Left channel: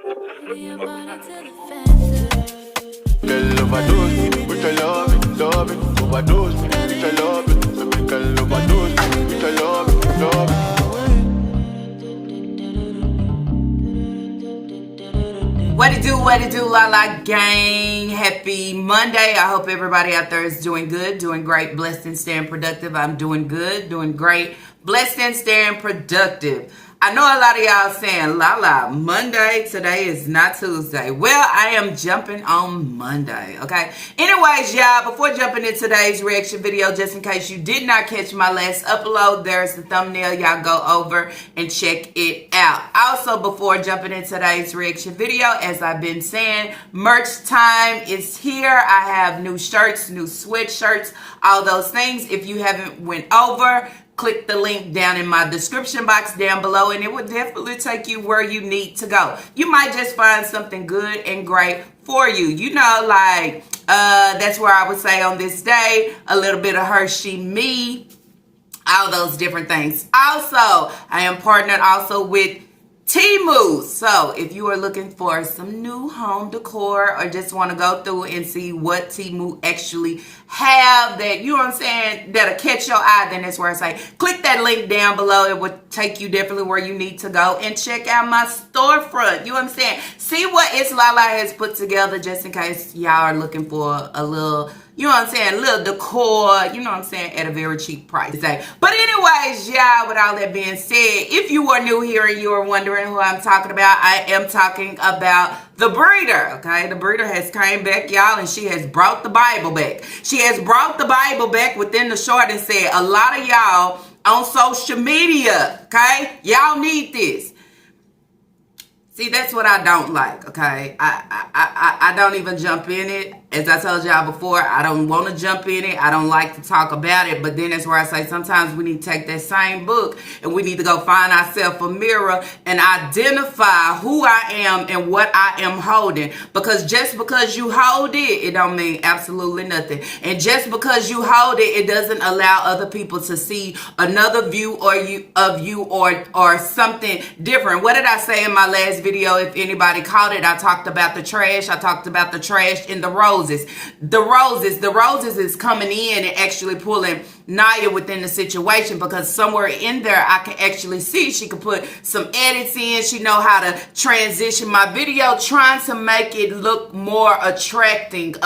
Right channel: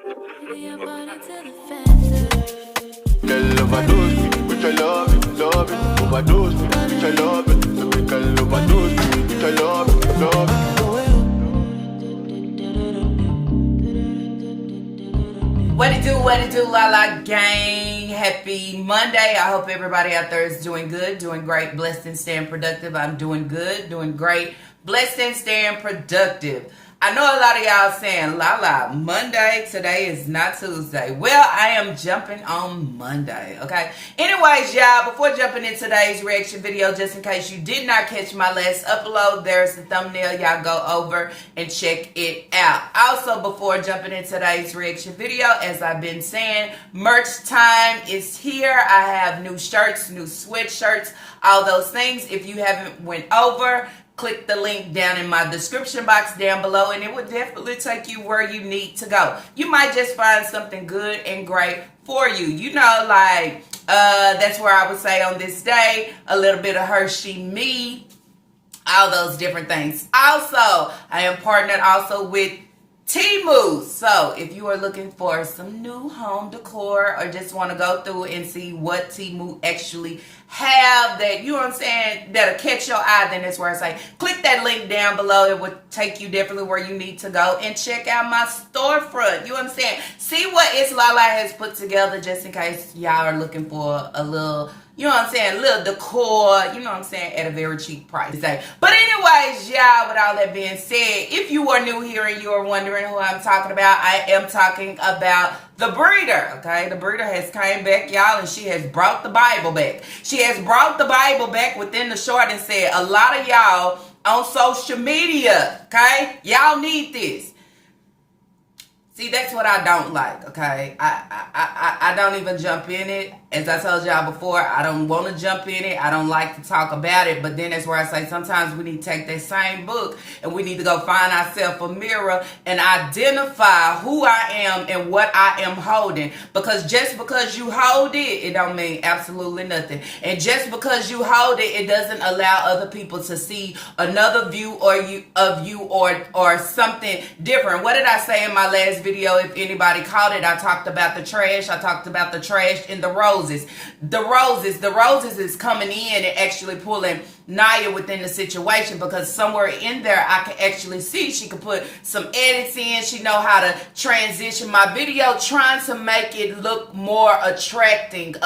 Girl overdose me with your love it, overdose me with your love it. Baby girl overdose me with your love it. What it do, La La Gang. Happy Monday. I hope everybody out there is doing good, doing great, blessed and staying productive. I'm doing good, doing great, blessed and staying productive. I know a lot of y'all saying, La, Monday, today is not Tuesday. Well, I am jumping on Monday, okay? Anyways, y'all, before jumping into today's reaction video, just in case you did not catch my last upload, there's the thumbnail. Y'all go over and check it out. Also, before jumping into today's reaction video, as I've been saying, merch time is here. I have new shirts, new sweatshirts, all those things. If you haven't went over, click the link down in my description box down below and it will definitely take you where you need to go. You might just find something good and great for you. You know, like, that's where I would say on this day, a little bit of Hershey me, all those different things. Also, I am partnered also with Temu. So if you are looking for some new home decor or just want to go through and see what Temu actually have that, you know what I'm saying, that'll catch your eye, then that's where I say click that link down below. It will take you definitely where you need to go and check out my storefront. You understand? See what It's Lala has put together just in case y'all are looking for a little, you know what I'm saying, a little decor, you know what I'm saying, at a very cheap price. But anyways, y'all, with all that being said, if you are new here and you are wondering who I'm talking about, I am talking about the breeder, okay? The breeder has came back, y'all, and she has brought the Bible back. She has brought the Bible back within the short and said, a lot of y'all on social media, okay? Y'all need this. See, that's what I don't like, okay? I don't even jump in it. As I told y'all before, I don't want to jump in it. I don't like to talk about it. But then that's where I say sometimes we need to take that same book and we need to go find ourselves a mirror and identify who I am and what I am holding. Because just because you hold it, it don't mean absolutely nothing. And just because you hold it, it doesn't allow other people to see another view of you or something different. What did I say in my last video? If anybody caught it, I talked about the trash. I talked about the trash in the roses. The roses is coming in and actually pulling Naya within the situation, because somewhere in there I can actually see she could put some edits in. She know how to transition my video, trying to make it look more attracting,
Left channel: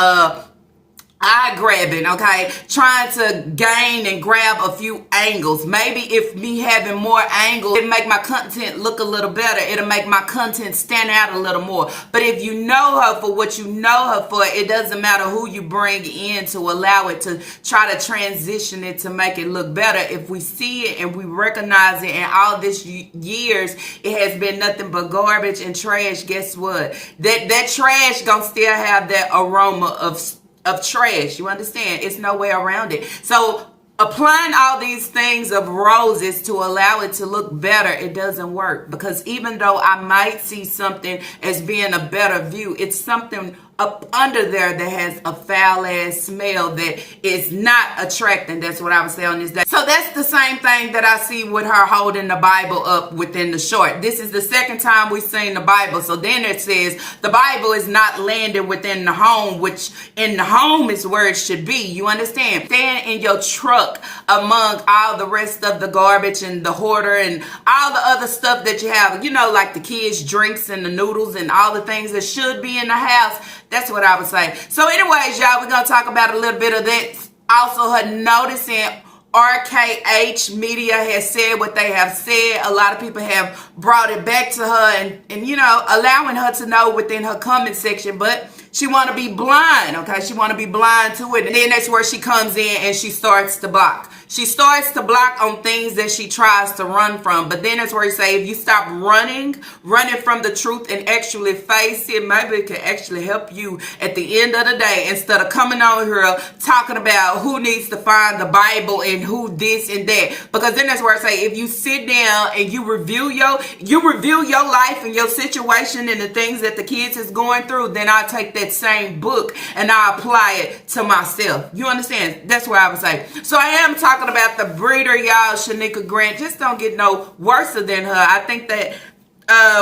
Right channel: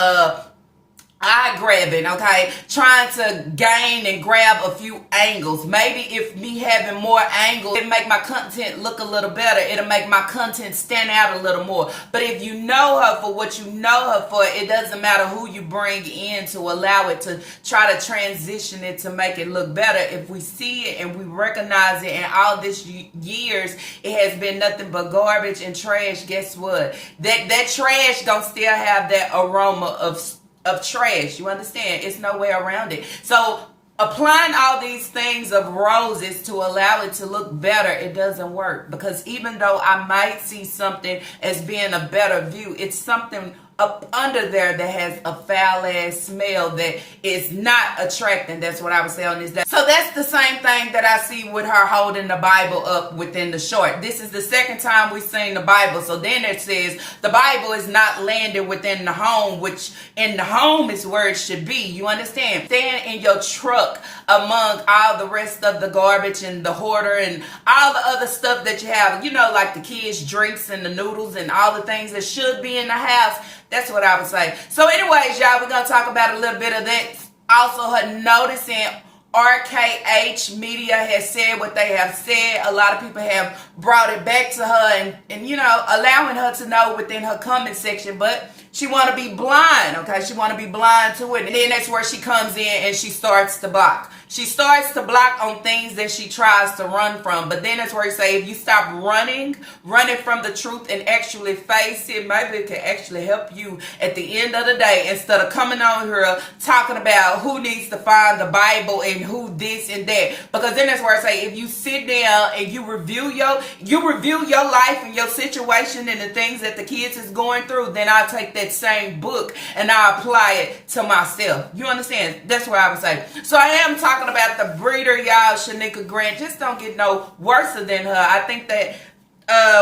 eye grabbing, okay? Trying to gain and grab a few angles. Maybe if me having more angles, it make my content look a little better. It'll make my content stand out a little more. But if you know her for what you know her for, it doesn't matter who you bring in to allow it to try to transition it to make it look better. If we see it and we recognize it, and all this years it has been nothing but garbage and trash, guess what? That trash gonna still have that aroma of trash. You understand? It's no way around it. So applying all these things of roses to allow it to look better, it doesn't work. Because even though I might see something as being a better view, it's something up under there that has a foul ass smell that is not attracting. That's what I would say on this day. So that's the same thing that I see with her holding the Bible up within the short. This is the second time we've seen the Bible. So then it says the Bible is not landed within the home, which in the home is where it should be. You understand? Staying in your truck among all the rest of the garbage and the hoarder and all the other stuff that you have, you know, like the kids' drinks and the noodles and all the things that should be in the house. That's what I would say. So anyways, y'all, we're going to talk about a little bit of that. Also, her noticing RKH Media has said what they have said. A lot of people have brought it back to her and you know, allowing her to know within her comment section. But she want to be blind, okay? She want to be blind to it. And then that's where she comes in and she starts to block. She starts to block on things that she tries to run from. But then that's where you say, if you stop running from the truth and actually face it, maybe it can actually help you at the end of the day, instead of coming on here talking about who needs to find the Bible and who this and that. Because then that's where I say, if you sit down and you review your life and your situation and the things that the kids is going through, then I'll take that same book and I'll apply it to myself. You understand? That's what I would say. So I am talking about the breeder, y'all. Shanika Grant just don't get no worse than her. I think that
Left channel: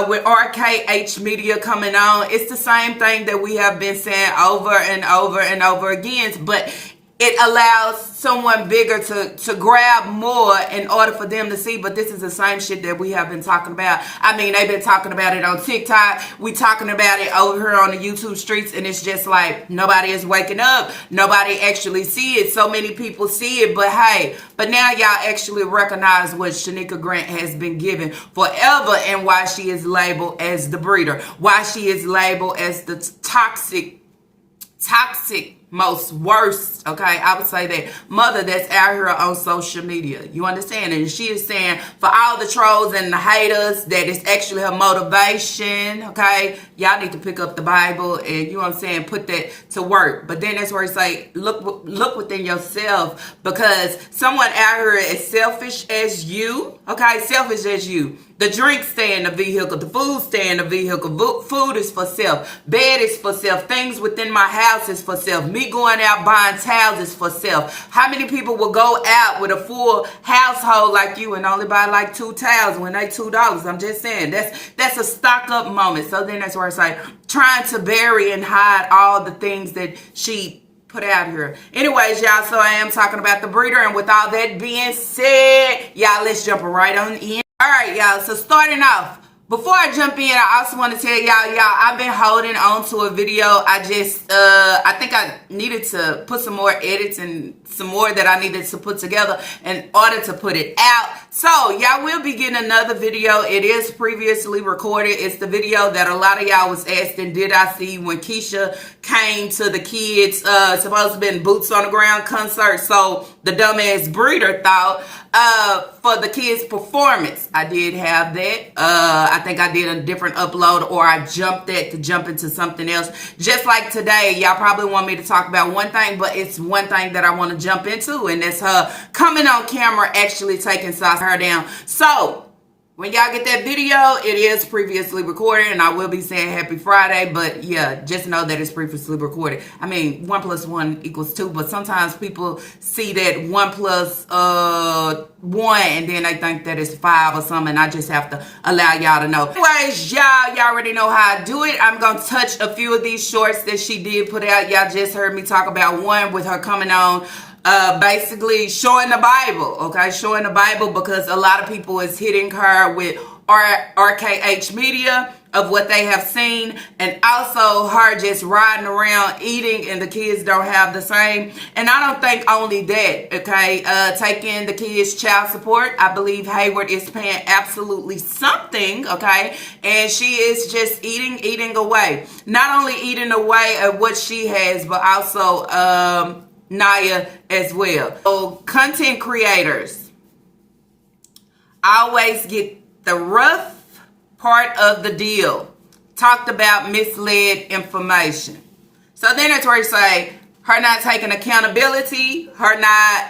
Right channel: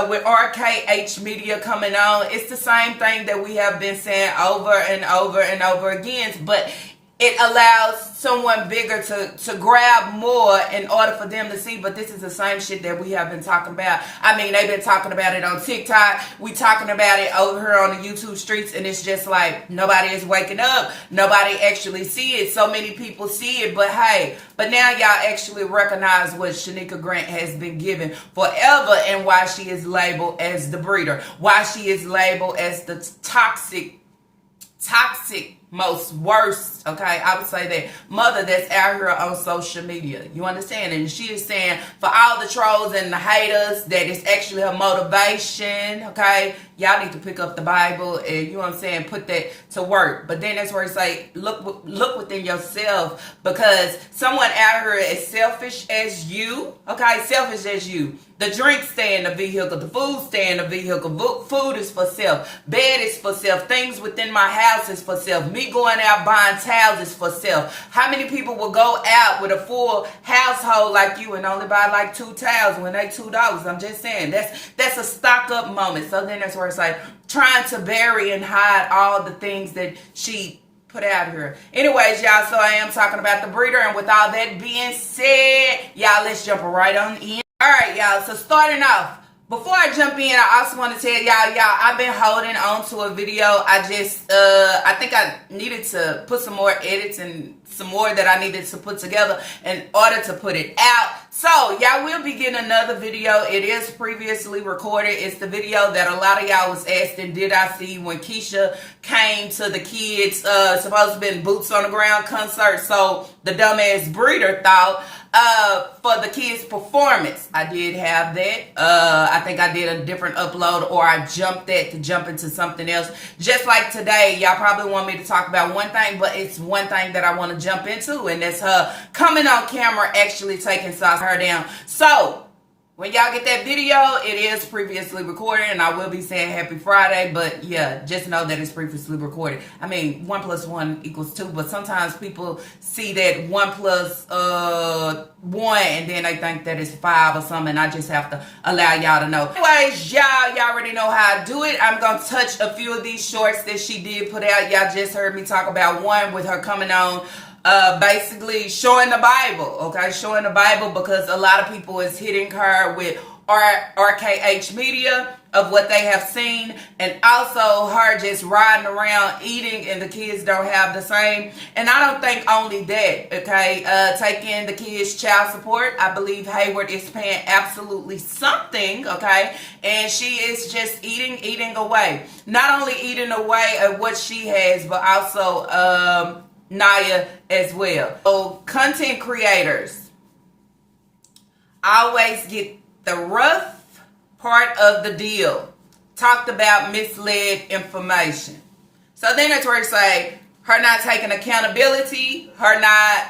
with RKH Media coming on, it's the same thing that we have been saying over and over and over again, but it allows someone bigger to grab more in order for them to see. But this is the same shit that we have been talking about. I mean, they've been talking about it on TikTok. We talking about it over here on the YouTube streets, and it's just like nobody is waking up. Nobody actually see it. So many people see it, but hey, but now y'all actually recognize what Shanika Grant has been given forever and why she is labeled as the breeder, why she is labeled as the toxic, most worst, okay, I would say that mother that's out here on social media. You understand? And she is saying for all the trolls and the haters that it's actually her motivation, okay? Y'all need to pick up the Bible and, you know what I'm saying, put that to work. But then that's where it's like, look within yourself, because someone out here as selfish as you, okay, selfish as you. The drinks stay in the vehicle. The food stay in the vehicle. Food is for self. Bed is for self. Things within my house is for self. Me going out buying towels is for self. How many people will go out with a full household like you and only buy like 2 towels when they $2? I'm just saying. That's a stock up moment. So then that's where it's like trying to bury and hide all the things that she put out here. Anyways, y'all, so I am talking about the breeder. And with all that being said, y'all, let's jump right on in. All right, y'all, so starting off, before I jump in, I also want to tell y'all, I've been holding on to a video. I think I needed to put some more edits and some more that I needed to put together in order to put it out. So, y'all will be getting another video. It is previously recorded. It's the video that a lot of y'all was asking, did I see when Keisha came to the kids, supposed to be in Boots on the Ground concert. So, the dumbass breeder thought, for the kids' performance, I did have that. I think I did a different upload, or I jumped that to jump into something else. Just like today, y'all probably want me to talk about one thing, but it's one thing that I want to jump into, and that's her coming on camera actually taking Sauce her down. So, when y'all get that video, it is previously recorded, and I will be saying happy Friday, but yeah, just know that it's previously recorded. I mean, 1 + 1 = 2, but sometimes people see that 1 + 1, and then they think that it's 5 or something, and I just have to allow y'all to know. Anyways, y'all already know how I do it. I'm going to touch a few of these shorts that she did put out. Y'all just heard me talk about one with her coming on, basically showing the Bible, okay? Showing the Bible, because a lot of people is hitting her with RKH Media of what they have seen, and also her just riding around eating, and the kids don't have the same. And I don't think only that, okay? Taking the kids' child support. I believe Hayward is paying absolutely something, okay? And she is just eating away. Not only eating away at what she has, but also Naya as well. So content creators always get the rough part of the deal. Talked about misled information. So then it's where you say her not taking accountability, her not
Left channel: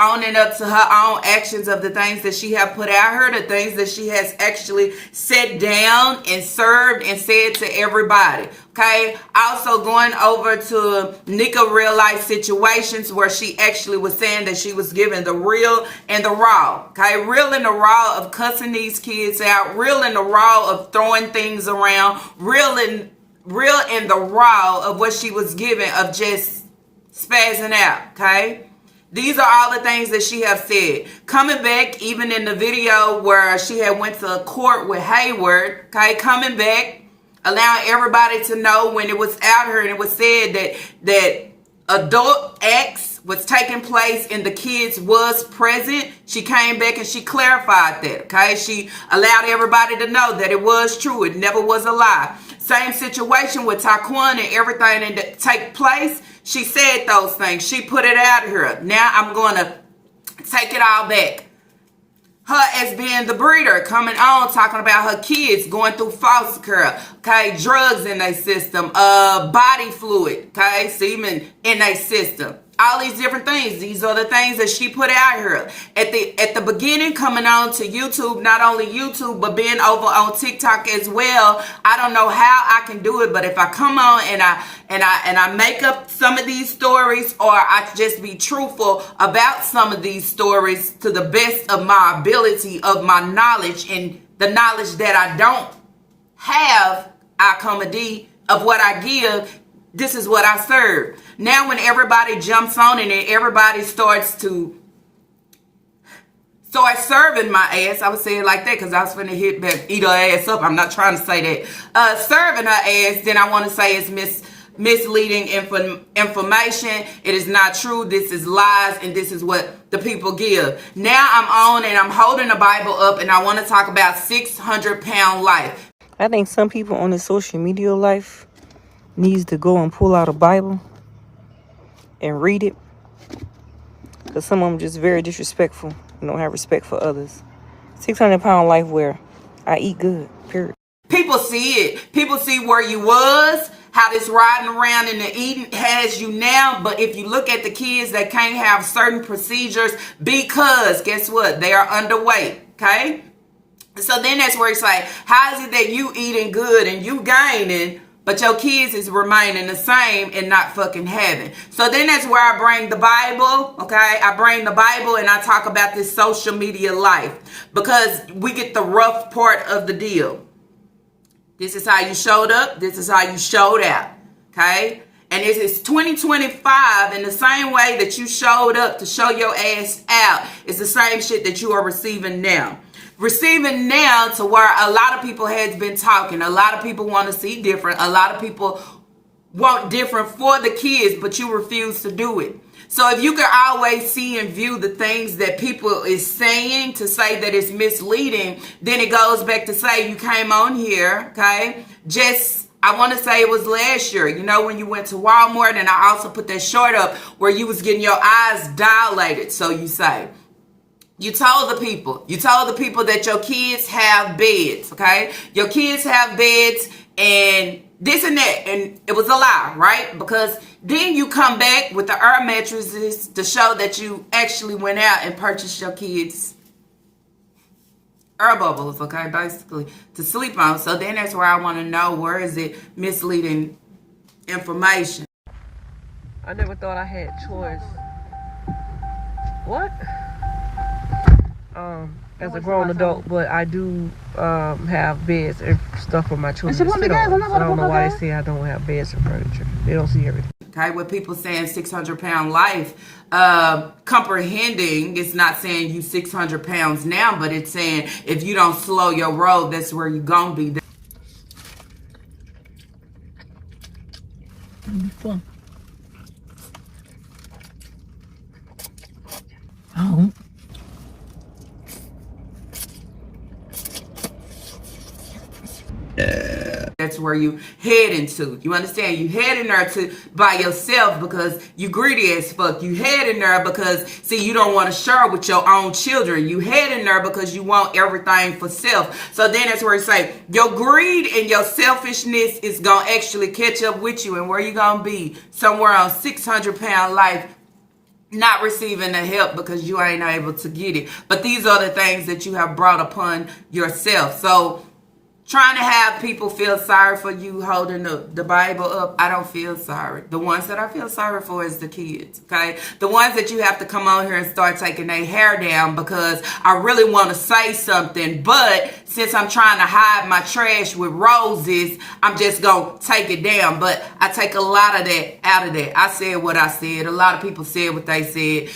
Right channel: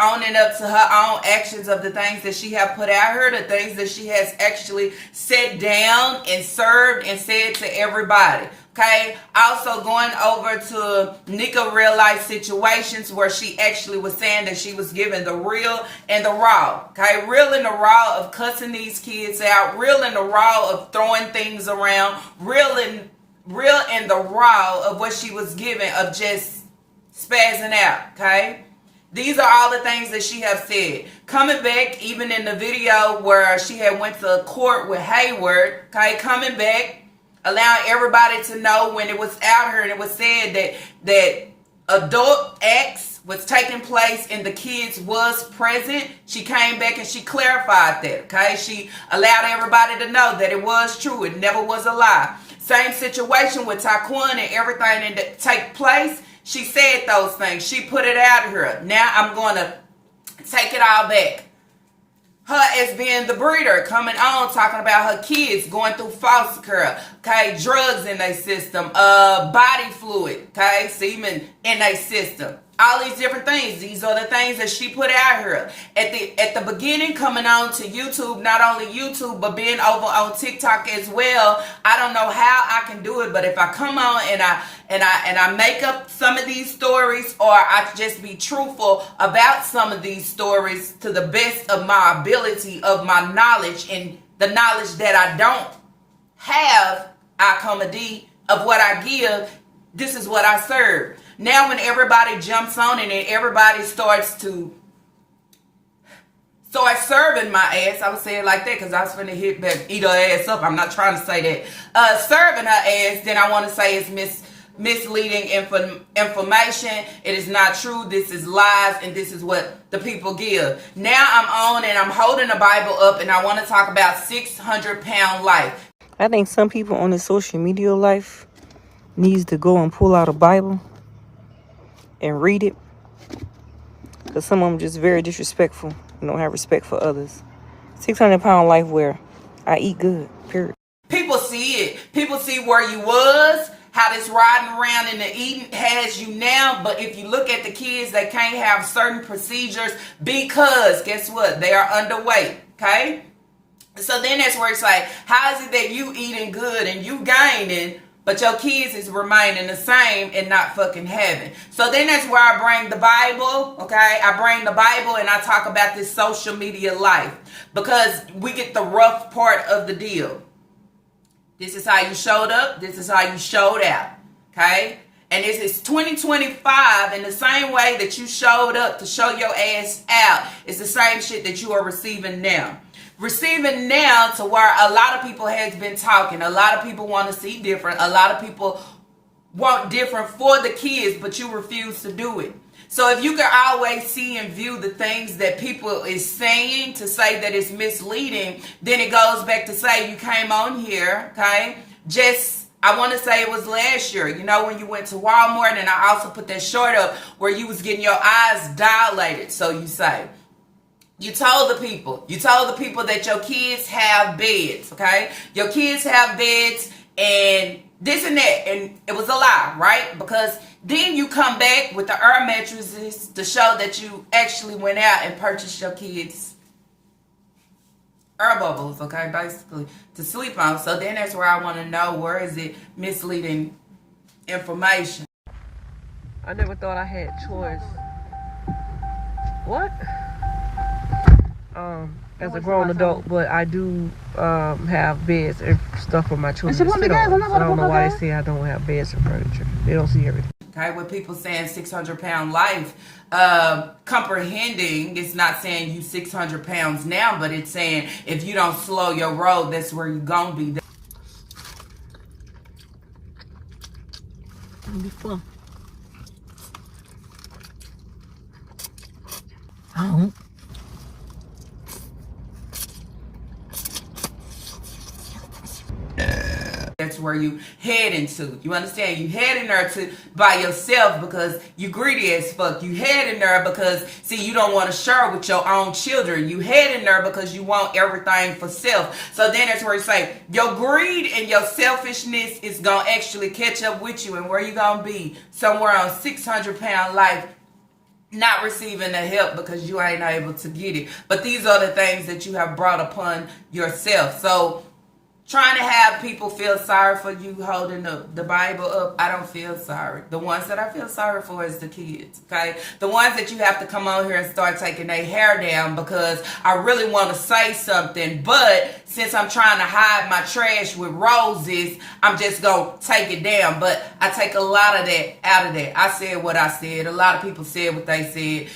owning up to her own actions of the things that she have put out here, the things that she has actually sat down and served and said to everybody. Okay, also going over to Nika real life situations where she actually was saying that she was given the real and the raw. Okay, real and the raw of cussing these kids out, real and the raw of throwing things around, real and the raw of what she was given of just spazzing out. Okay. These are all the things that she have said. Coming back, even in the video where she had went to court with Hayward, okay, coming back, allowing everybody to know when it was out here and it was said that adult acts was taking place and the kids was present. She came back and she clarified that, okay? She allowed everybody to know that it was true. It never was a lie. Same situation with Taquan and everything that take place. She said those things. She put it out here. Now I'm going to take it all back. Her as being the breeder, coming on, talking about her kids going through foster care, okay, drugs in their system, body fluid, okay, semen in their system. all these different things. These are the things that she put out here. At the beginning, coming on to YouTube, not only YouTube, but being over on TikTok as well. I don't know how I can do it, but if I come on and I make up some of these stories, or I just be truthful about some of these stories to the best of my ability, of my knowledge, and the knowledge that I don't have, I come a D of what I give. This is what I serve. Now when everybody jumps on it and everybody starts to start serving my ass, I would say it like that because I was finna hit back, eat her ass up. I'm not trying to say that. Serving her ass, then I want to say it's misleading information. It is not true. This is lies, and this is what the people give. Now I'm on and I'm holding the Bible up, and I want to talk about 600-pound life. I think some people on the social media life needs to go and pull out a Bible and read it, because some of them just very disrespectful and don't have respect for others. 600-pound life where I eat good, period. People see it. People see where you was, how this riding around in the eating has you now. But if you look at the kids that can't have certain procedures because guess what? They are underweight, okay? So then that's where it's like, how is it that you eating good and you gaining, but your kids is remaining the same and not fucking having? So then that's where I bring the Bible, okay? I bring the Bible and I talk about this social media life, because we get the rough part of the deal. This is how you showed up. This is how you showed out, okay? And this is 2025, and the same way that you showed up to show your ass out is the same shit that you are receiving now. Receiving now to where a lot of people has been talking. A lot of people want to see different. A lot of people want different for the kids, but you refuse to do it. So if you can always see and view the things that people is saying to say that it's misleading, then it goes back to say you came on here, okay? I want to say it was last year, you know, when you went to Walmart, and I also put that short up where you was getting your eyes dilated, so you say. You told the people that your kids have beds, okay? Your kids have beds and this and that, and it was a lie, right? Because then you come back with the air mattresses to show that you actually went out and purchased your kids air bubbles, okay, basically, to sleep on. So then that's where I want to know, where is it misleading information? I never thought I had choice. What? As a grown adult, but I do have beds and stuff for my children to sit on. So I don't know why they say I don't have beds and furniture. They don't see everything. Okay, with people saying 600-pound life, comprehending, it's not saying you 600 pounds now, but it's saying if you don't slow your roll, that's where you're gonna be. It'll be fun. Oh. That's where you heading to. You understand? You heading there by yourself because you greedy as fuck. You heading there because, see, you don't want to share with your own children. You heading there because you want everything for self. So then that's where you say your greed and your selfishness is going to actually catch up with you. And where you going to be? Somewhere on 600-pound life, not receiving the help because you ain't able to get it. But these are the things that you have brought upon yourself. So trying to have people feel sorry for you holding the Bible up, I don't feel sorry. The ones that I feel sorry for is the kids, okay? The ones that you have to come on here and start taking their hair down because I really want to say something, but since I'm trying to hide my trash with roses, I'm just going to take it down. But I take a lot of that out of that. I said what I said. A lot of people said what they said.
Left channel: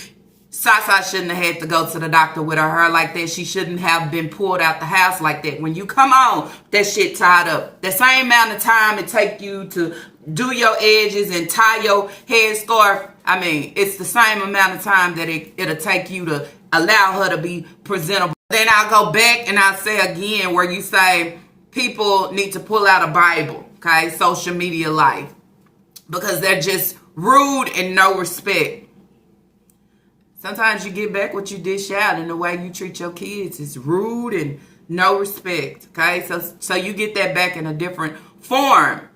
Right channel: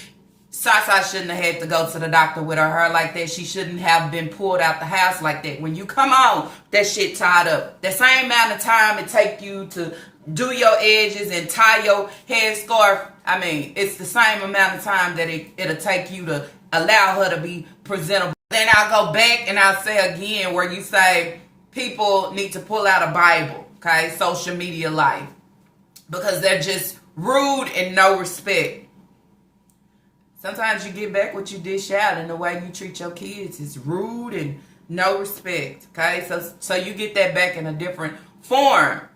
Sasa shouldn't have had to go to the doctor with her hair like that. She shouldn't have been pulled out the house like that. When you come on, that shit tied up. The same amount of time it take you to do your edges and tie your headscarf, I mean, it's the same amount of time that it'll take you to allow her to be presentable. Then I'll go back and I'll say again where you say people need to pull out a Bible, okay? Social media life. Because they're just rude and no respect. Sometimes you get back what you dish out, and the way you treat your kids is rude and no respect, okay? So you get that back in a different form.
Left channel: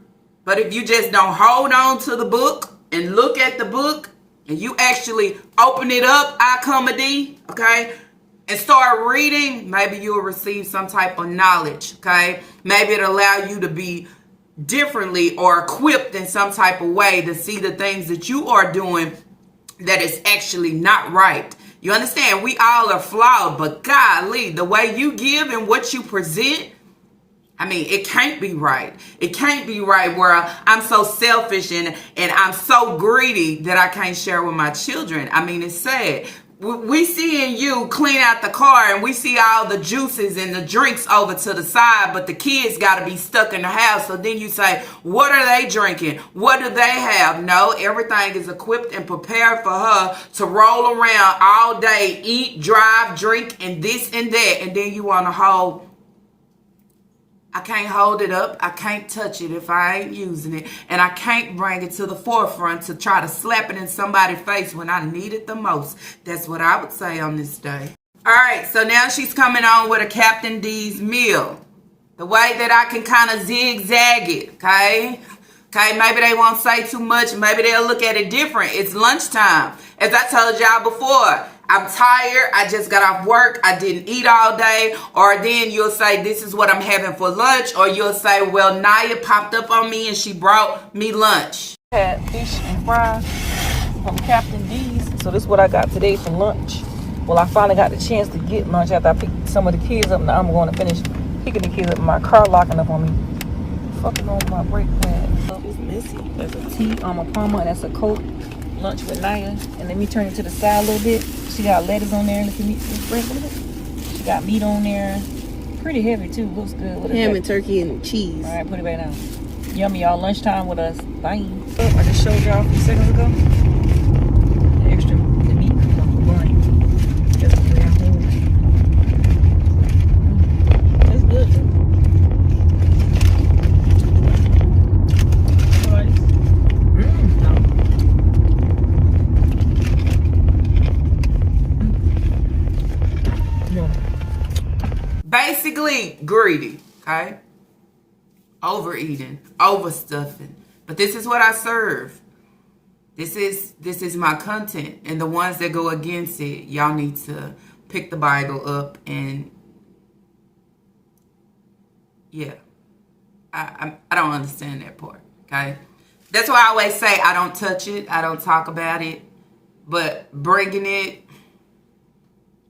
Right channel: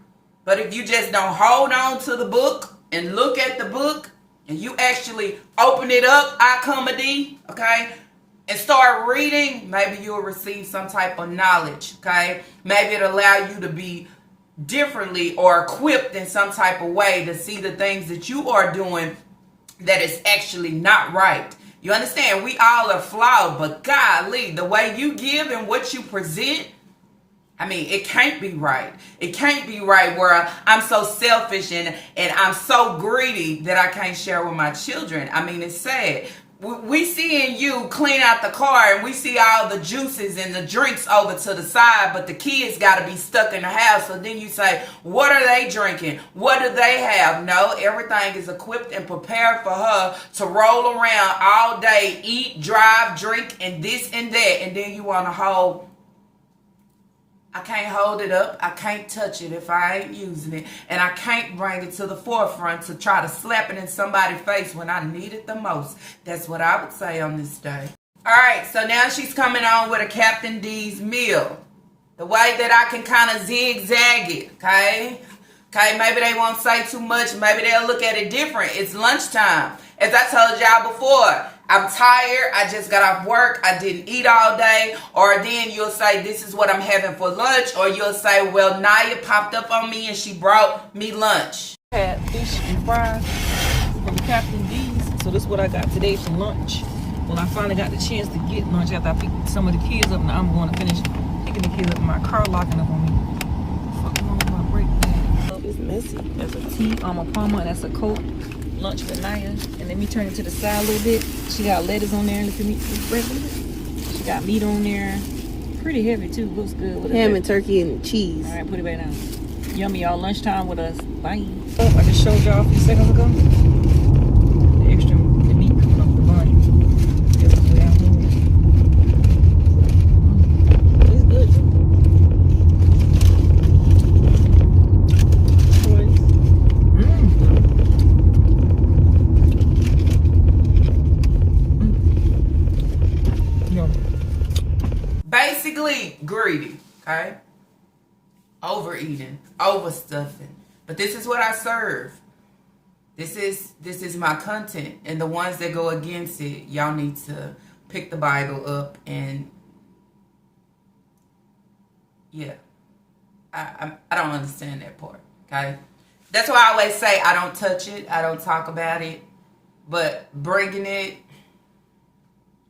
But if you just don't hold on to the book and look at the book and you actually open it up, okay, and start reading, maybe you'll receive some type of knowledge, okay? Maybe it'll allow you to be differently or equipped in some type of way to see the things that you are doing that is actually not right. You understand? We all are flawed, but golly, the way you give and what you present, I mean, it can't be right. It can't be right where I'm so selfish and I'm so greedy that I can't share with my children. I mean, it's sad. We seeing you clean out the car and we see all the juices and the drinks over to the side, but the kids got to be stuck in the house. So then you say, what are they drinking? What do they have? No, everything is equipped and prepared for her to roll around all day, eat, drive, drink, and this and that. And then you want to hold, I can't hold it up. I can't touch it if I ain't using it. And I can't bring it to the forefront to try to slap it in somebody's face when I need it the most. That's what I would say on this day. All right, so now she's coming on with a Captain D's meal. The way that I can kind of zigzag it, okay? Okay, maybe they won't say too much. Maybe they'll look at it different. It's lunchtime. As I told y'all before, I'm tired. I just got off work. I didn't eat all day. Or then you'll say, this is what I'm having for lunch. Or you'll say, well, Naya popped up on me and she brought me lunch. Had fish and fries from Captain D's. So this is what I got today for lunch. Well, I finally got the chance to get lunch after I picked some of the kids up. Now I'm going to finish picking the kids up. My car locking up on me. Fucking on my brake pad. It's messy. There's a tea on my Palmer. That's a Coke. Lunch with Naya. And let me turn it to the side a little bit. She got lettuce on there. Look at me. She got meat on there. Pretty heavy too. Looks good. Ham and turkey and cheese. All right, put it back down. Yummy, y'all. Lunchtime with us. Bye. Oh, I just showed y'all a few seconds ago. The extra, the meat from the bun. That's the way I hold it. That's good. Basically, greedy, okay? Overeating, overstuffing. But this is what I serve. This is my content. And the ones that go against it, y'all need to pick the Bible up and yeah. I don't understand that part, okay? That's why I always say I don't touch it. I don't talk about it. But bringing it,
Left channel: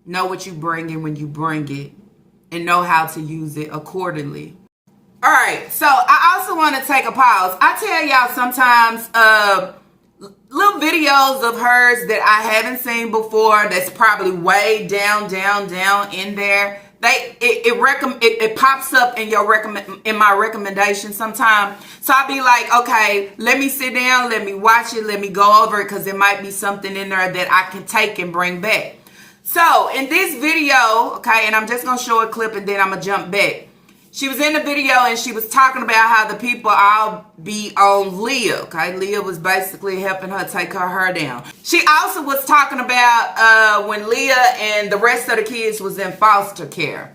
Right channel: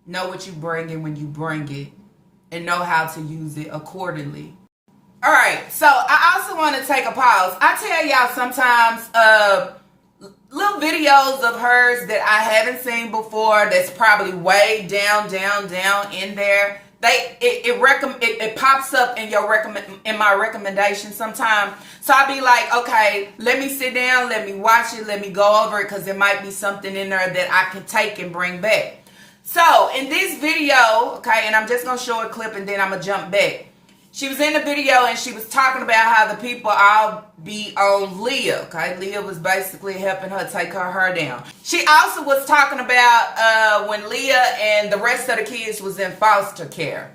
know what you bring in when you bring it. And know how to use it accordingly. All right, so I also want to take a pause. I tell y'all sometimes little videos of hers that I haven't seen before that's probably way down in there. It pops up in in my recommendation sometime. So I'll be like, okay, let me sit down, let me watch it, let me go over it because there might be something in there that I can take and bring back. So, in this video, okay, and I'm just going to show a clip and then I'm going to jump back. She was in the video and she was talking about how the people all be on Leah, okay? Leah was basically helping her take her hair down. She also was talking about when Leah and the rest of the kids was in foster care.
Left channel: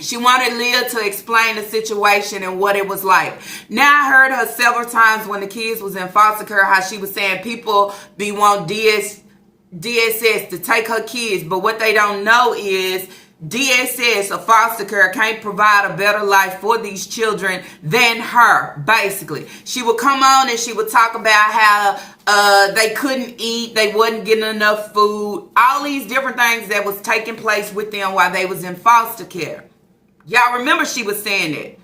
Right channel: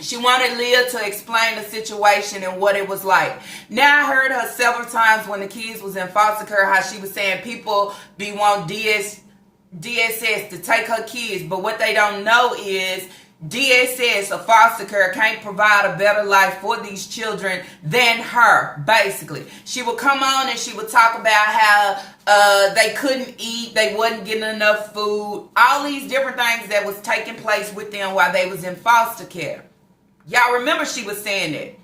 She wanted Leah to explain the situation and what it was like. Now, I heard her several times when the kids was in foster care, how she was saying people be want DSS to take her kids, but what they don't know is DSS or foster care can't provide a better life for these children than her, basically. She would come on and she would talk about how they couldn't eat, they wasn't getting enough food, all these different things that was taking place with them while they was in foster care. Y'all remember she was saying that.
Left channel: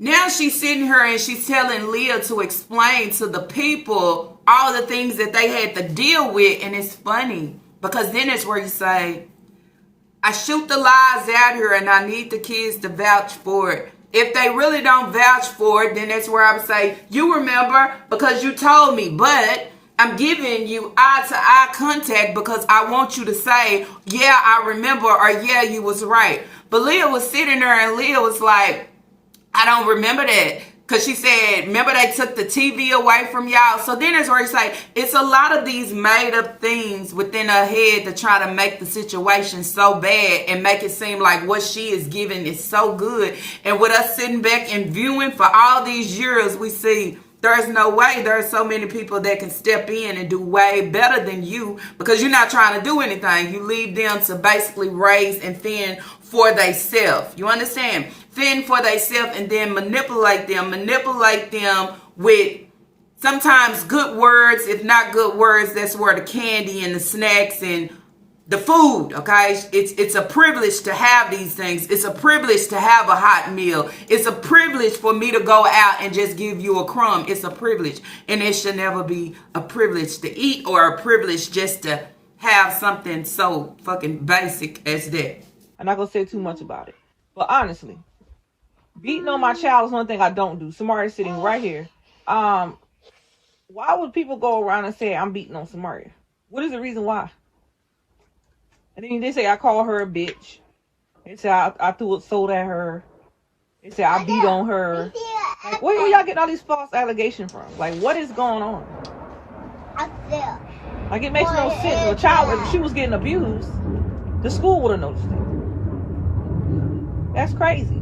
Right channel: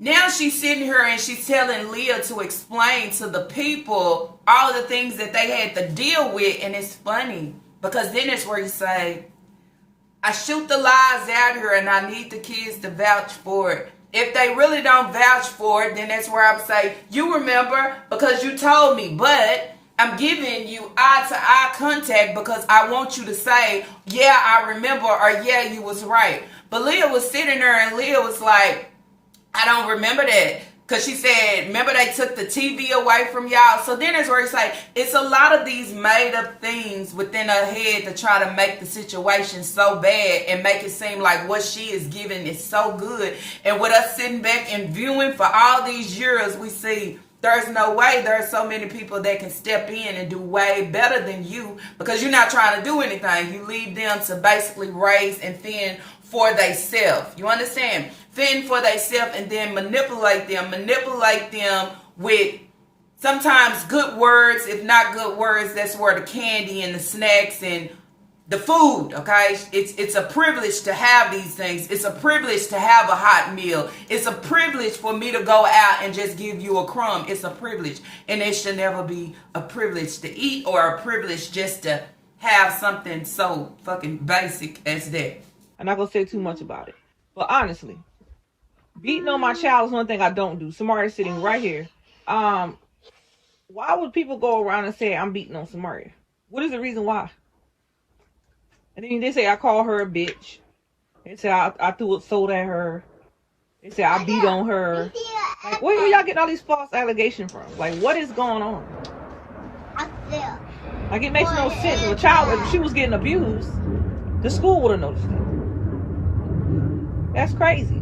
Now she's sitting here and she's telling Leah to explain to the people all the things that they had to deal with. And it's funny because then it's where you say, I shoot the lies out here and I need the kids to vouch for it. If they really don't vouch for it, then that's where I would say, you remember because you told me, but I'm giving you eye-to-eye contact because I want you to say, yeah, I remember, or yeah, you was right. But Leah was sitting there and Leah was like, I don't remember that. Because she said, remember they took the TV away from y'all. So then it's where it's like, it's a lot of these made up things within her head to try to make the situation so bad and make it seem like what she is giving is so good. And with us sitting back and viewing for all these years, we see There's no way. There are so many people that can step in and do way better than you because you're not trying to do anything. You leave them to basically raise and fend for themselves. You understand? Fend for themselves and then manipulate them. Manipulate them with sometimes good words. If not good words, that's where the candy and the snacks and the food, okay? It's a privilege to have these things. It's a privilege to have a hot meal. It's a privilege for me to go out and just give you a crumb. It's a privilege. And it should never be a privilege to eat or a privilege just to have something so fucking basic as that. I'm not going to say too much about it. But honestly, beating on my child is one thing I don't do. Samaria's sitting right here. Why would people go around and say I'm beating on Samaria? What is the reason why? And then they say I call her a bitch. They say I threw a soda at her. They say I beat on her. Like, where y'all getting all these false allegations from? Like, what is going on? Like, it makes no sense. If a child, if she was getting abused, the school would have noticed. That's crazy.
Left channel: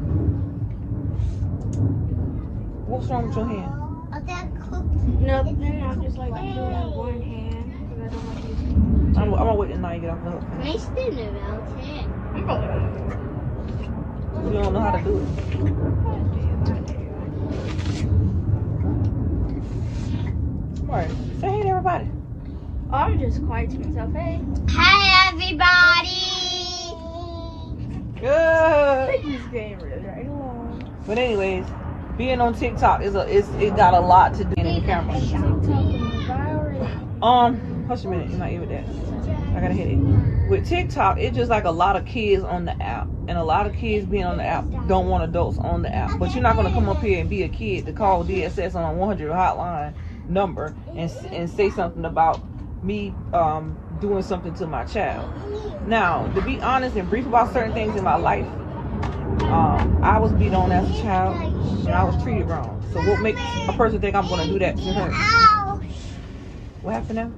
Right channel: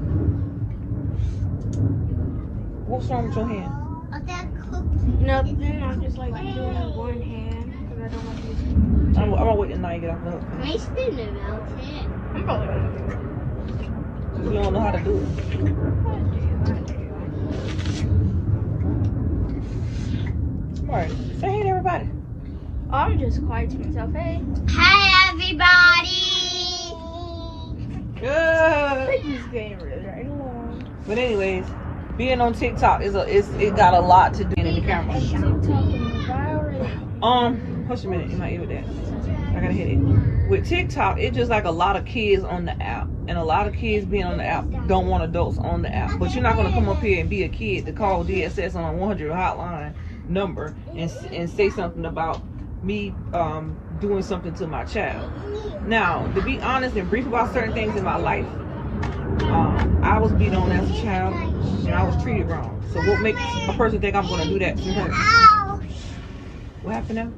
What's wrong with your hand? Nothing. I'm just like doing one hand because I don't like this. I'm gonna wait till night get off the hook. Can I spin it, okay? You don't know how to do it. Alright, say hey to everybody. I'm just quiet to myself. Hey. Hi, everybody. Good. We're just getting right along. But anyways, being on TikTok it got a lot to do in the camera. Hush a minute, you're not even that. I got a headache. With TikTok, it's just like a lot of kids on the app. And a lot of kids being on the app don't want adults on the app. But you're not going to come up here and be a kid to call DSS on a 100 hotline number and say something about me doing something to my child. Now, to be honest and brief about certain things in my life, I was beat on as a child and I was treated wrong. So what makes a person think I'm going to do that to her? What happened now?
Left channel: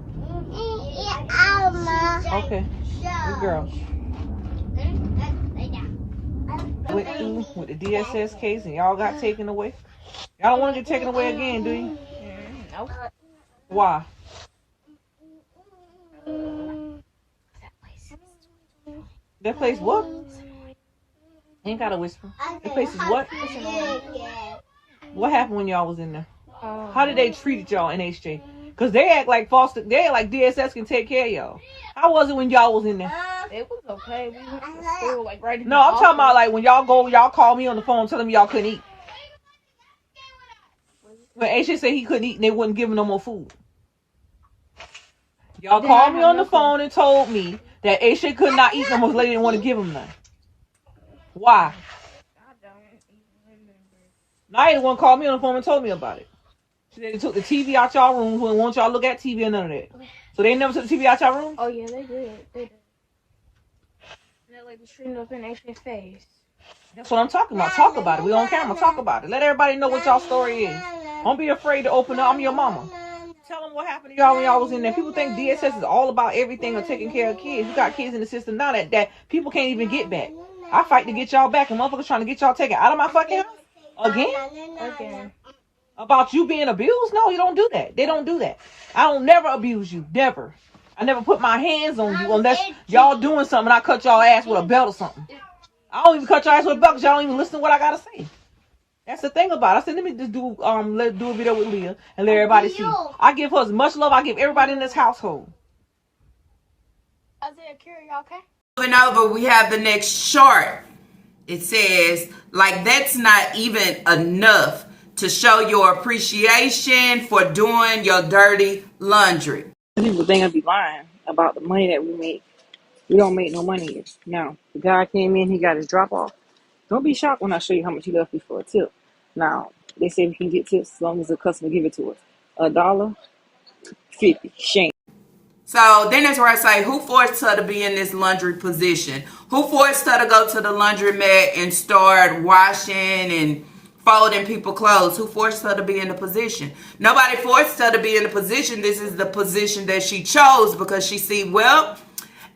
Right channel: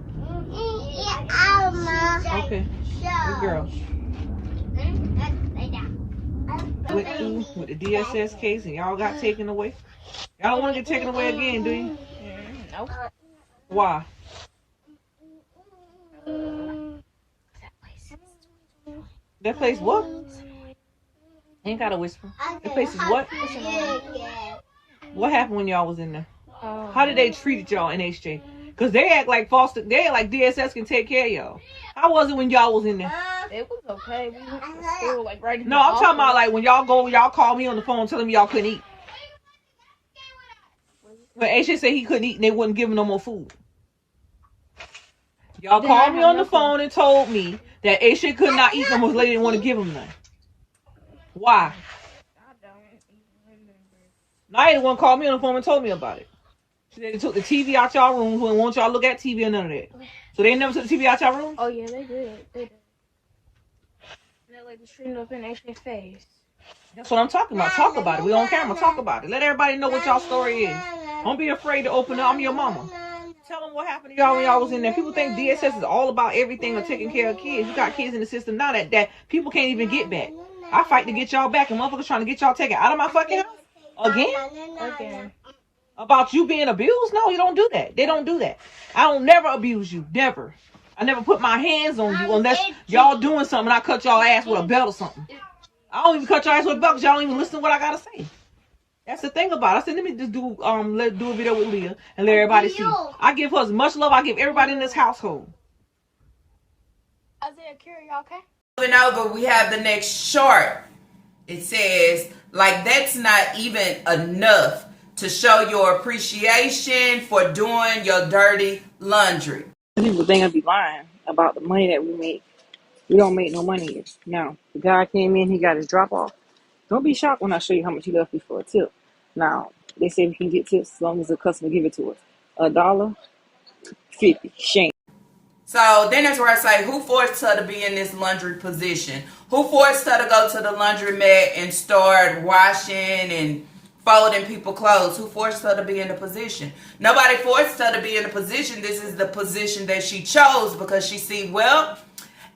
Okay, good girl. Went through with the DSS case and y'all got taken away. Y'all don't want to get taken away again, do you? Nope. Why? That place what? Ain't gotta whisper. That place is what? What happened when y'all was in there? How did they treat y'all in HJ? Cause they act like DSS can take care of y'all. How was it when y'all was in there? It was okay. We went to school like right in No, I'm talking about like when y'all call me on the phone telling me y'all couldn't eat. When HJ said he couldn't eat and they wouldn't give him no more food. Y'all called me on the phone and told me that HJ could not eat no more. Lady didn't want to give him none. Why? I don't even remember. Now they one called me on the phone and told me about it. They took the TV out y'all room. Who want y'all to look at TV or none of that. So they never took the TV out y'all room? Oh yeah, they did. They did. They like just streamed up in HJ's face. That's what I'm talking about. Talk about it. We on camera. Talk about it. Let everybody know what y'all story is. Don't be afraid to open up. I'm your mama. Tell them what happened to y'all when y'all was in there. People think DSS is all about everything or taking care of kids. You got kids in the system now that people can't even get back. I fight to get y'all back, and motherfuckers trying to get y'all taken out of my fucking house Again. About you being abused? No, you don't do that. They don't do that. I don't never abuse you. Never. I never put my hands on you unless y'all doing something and I cut y'all ass with a belt or something. I don't even cut your ass with a belt because y'all don't even listen to what I gotta say. That's the thing about it. I said, let me just do a video with Leah and let everybody see. I give her as much love I give everybody in this household. Isaiah, Kira, y'all okay? Moving over, we have the next short. It says, like, that's not even enough to show your appreciation for doing your dirty laundry. People think I be lying about the money that we make. We don't make no money. Now, the guy came in, he got his drop off. Don't be shocked when I show you how much he left me for a tip. Now, they say we can get tips as long as the customer give it to us. $1.50. Shame. So then that's where I say, who forced her to be in this laundry position? Who forced her to go to the laundromat and start washing and folding people clothes? Who forced her to be in the position? Nobody forced her to be in the position. This is the position that she chose because she see, well,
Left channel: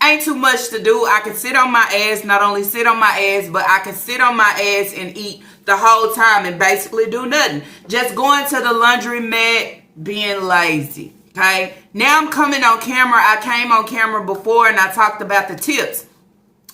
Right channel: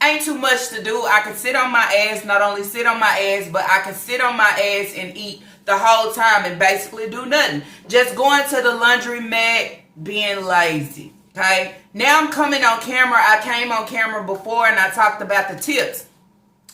ain't too much to do. I can sit on my ass, not only sit on my ass, but I can sit on my ass and eat the whole time and basically do nothing. Just going to the laundromat, being lazy. Okay, now I'm coming on camera. I came on camera before and I talked about the tips.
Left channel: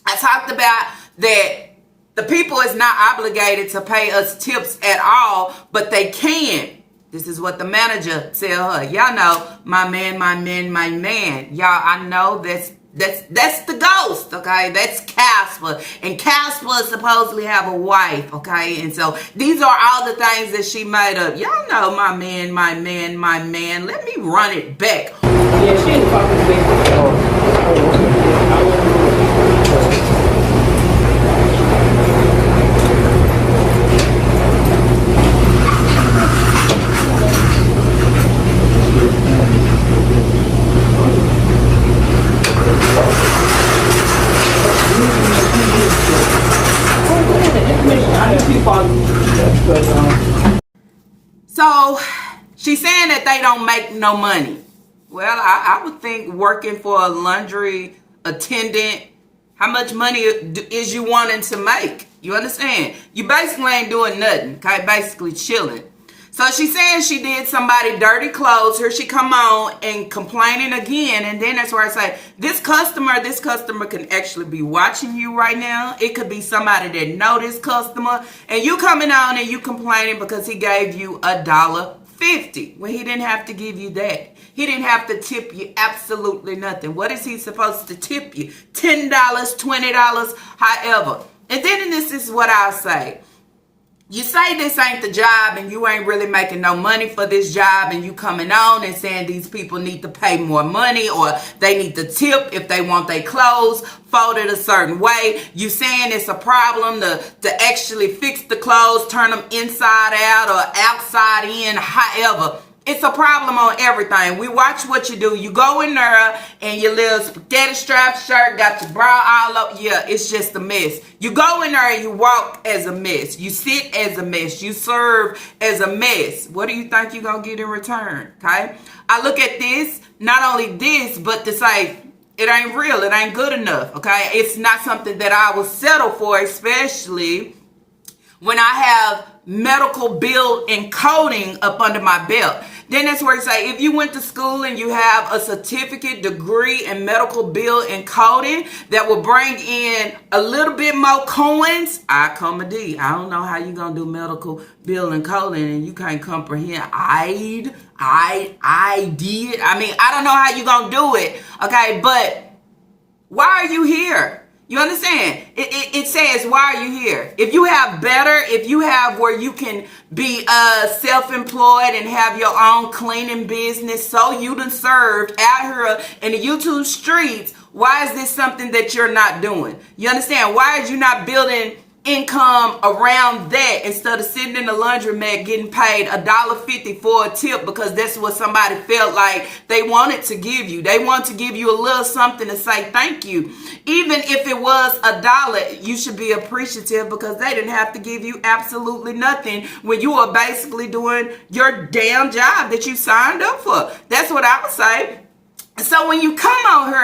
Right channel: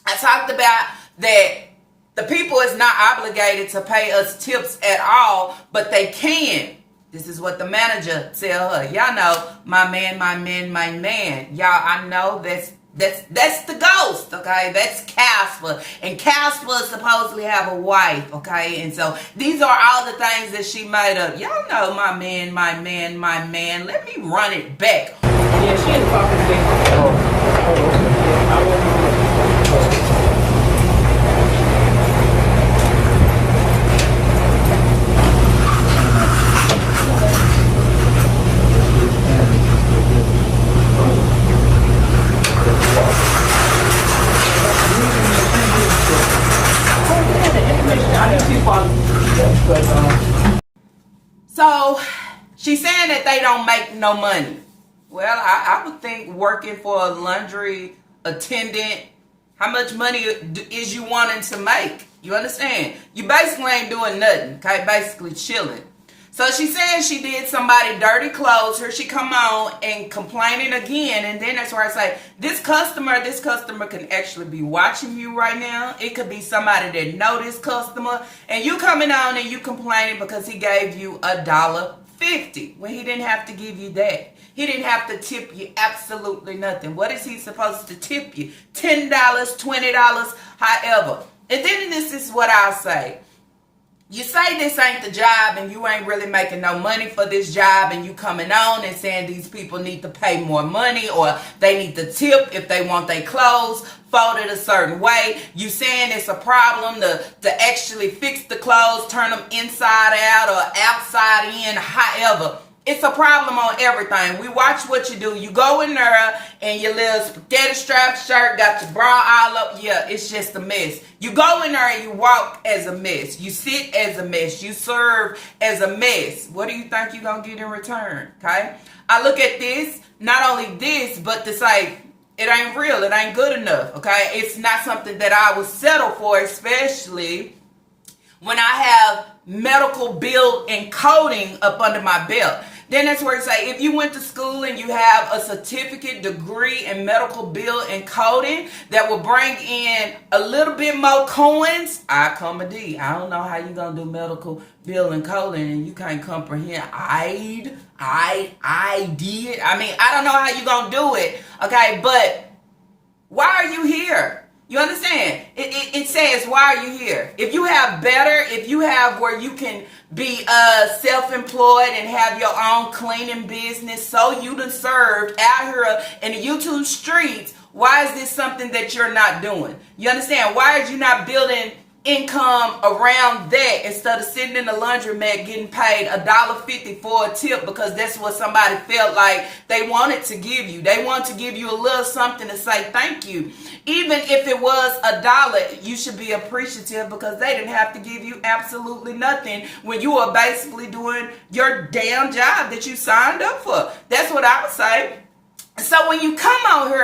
I talked about that the people is not obligated to pay us tips at all, but they can. This is what the manager tell her. Y'all know, my man, my man, my man. Y'all, I know that's the ghost, okay? That's Casper. And Casper supposedly have a wife, okay? And so these are all the things that she made up. Y'all know, my man, my man, my man. Let me run it back. So she's saying that they don't make no money. Well, I would think working for a laundry attendant, how much money is you wanting to make? You understand? You basically ain't doing nothing, okay? Basically chilling. So she's saying she did somebody dirty clothes. Here she come on and complaining again. And then that's where I say, this customer can actually be watching you right now. It could be somebody that know this customer. And you coming on and you complaining because he gave you $1.50. Well, he didn't have to give you that. He didn't have to tip you absolutely nothing. What is he supposed to tip you? $10, $20, however. And then this is what I'll say. You say this ain't the job and you ain't really making no money for this job, and you coming on and saying these people need to pay more money or they need to tip if they want their clothes folded a certain way. You saying it's a problem to actually fix the clothes, turn them inside out or outside in, however. It's a problem on everything. We watch what you do. You go in there and your little spaghetti strap shirt got your bra all up. Yeah, it's just a mess. You go in there and you walk as a mess. You sit as a mess. You serve as a mess. What do you think you're going to get in return? Okay? I look at this, not only this, but to say, it ain't real. It ain't good enough. Okay? It's not something that I would settle for, especially when I have medical bill and coding up under my belt. Then that's where you say, if you went to school and you have a certificate, degree, and medical bill and coding that will bring in a little bit more coins, I come a D. I don't know how you gonna do medical bill and coding and you can't comprehend. I did. I mean, I don't know how you gonna do it. Okay, but why are you here? You understand? It says, why are you here? If you have better, if you have where you can be self-employed and have your own cleaning business, so you done served out here in the YouTube streets, why is this something that you're not doing? You understand? Why is you not building income around that instead of sitting in the laundromat getting paid $1.50 for a tip because that's what somebody felt like they wanted to give you. They want to give you a little something to say thank you. Even if it was $1, you should be appreciative because they didn't have to give you absolutely nothing when you are basically doing your damn job that you signed up for. That's what I would say. So when you come on here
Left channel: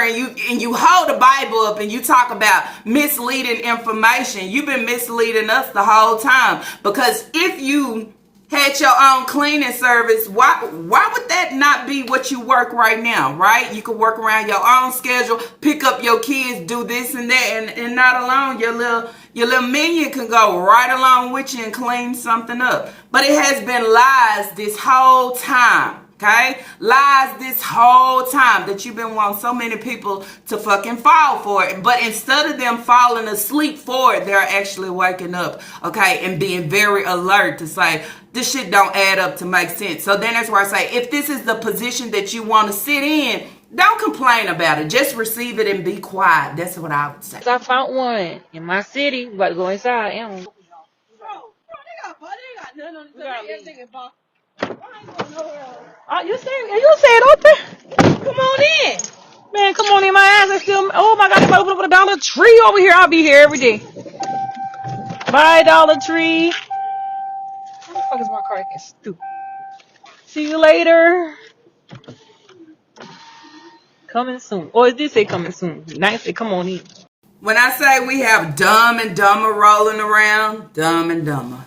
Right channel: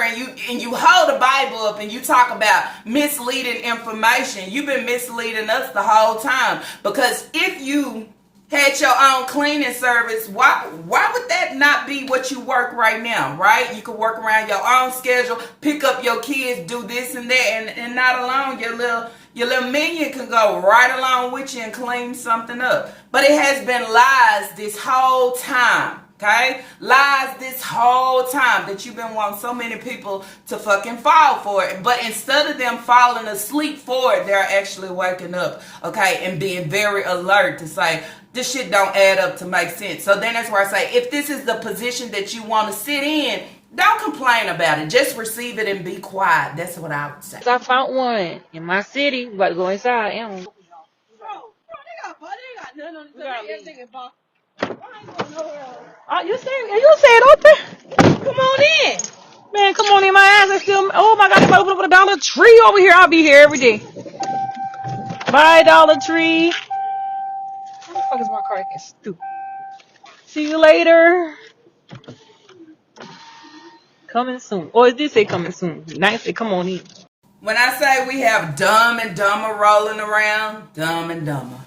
and you hold the Bible up and you talk about misleading information, you've been misleading us the whole time. Because if you had your own cleaning service, why would that not be what you work right now, right? You could work around your own schedule, pick up your kids, do this and that, and not alone your little minion can go right along with you and clean something up. But it has been lies this whole time. Okay? Lies this whole time that you've been wanting so many people to fucking fall for it. But instead of them falling asleep for it, they're actually waking up, okay, and being very alert to say, this shit don't add up to make sense. So then that's where I say, if this is the position that you want to sit in, don't complain about it. Just receive it and be quiet. That's what I would say. I found one in my city. About to go inside. Bro, they got nothing on the You say it open? Come on in. Man, come on in. My ass is still. Oh my God, if I open up a Dollar Tree over here, I'll be here every day. Bye, Dollar Tree. How the fuck is my car getting stupid? See you later. Coming soon. Or it did say coming soon. Nice say come on in. When I say we have Dumb and Dumber rolling around, Dumb and Dumber.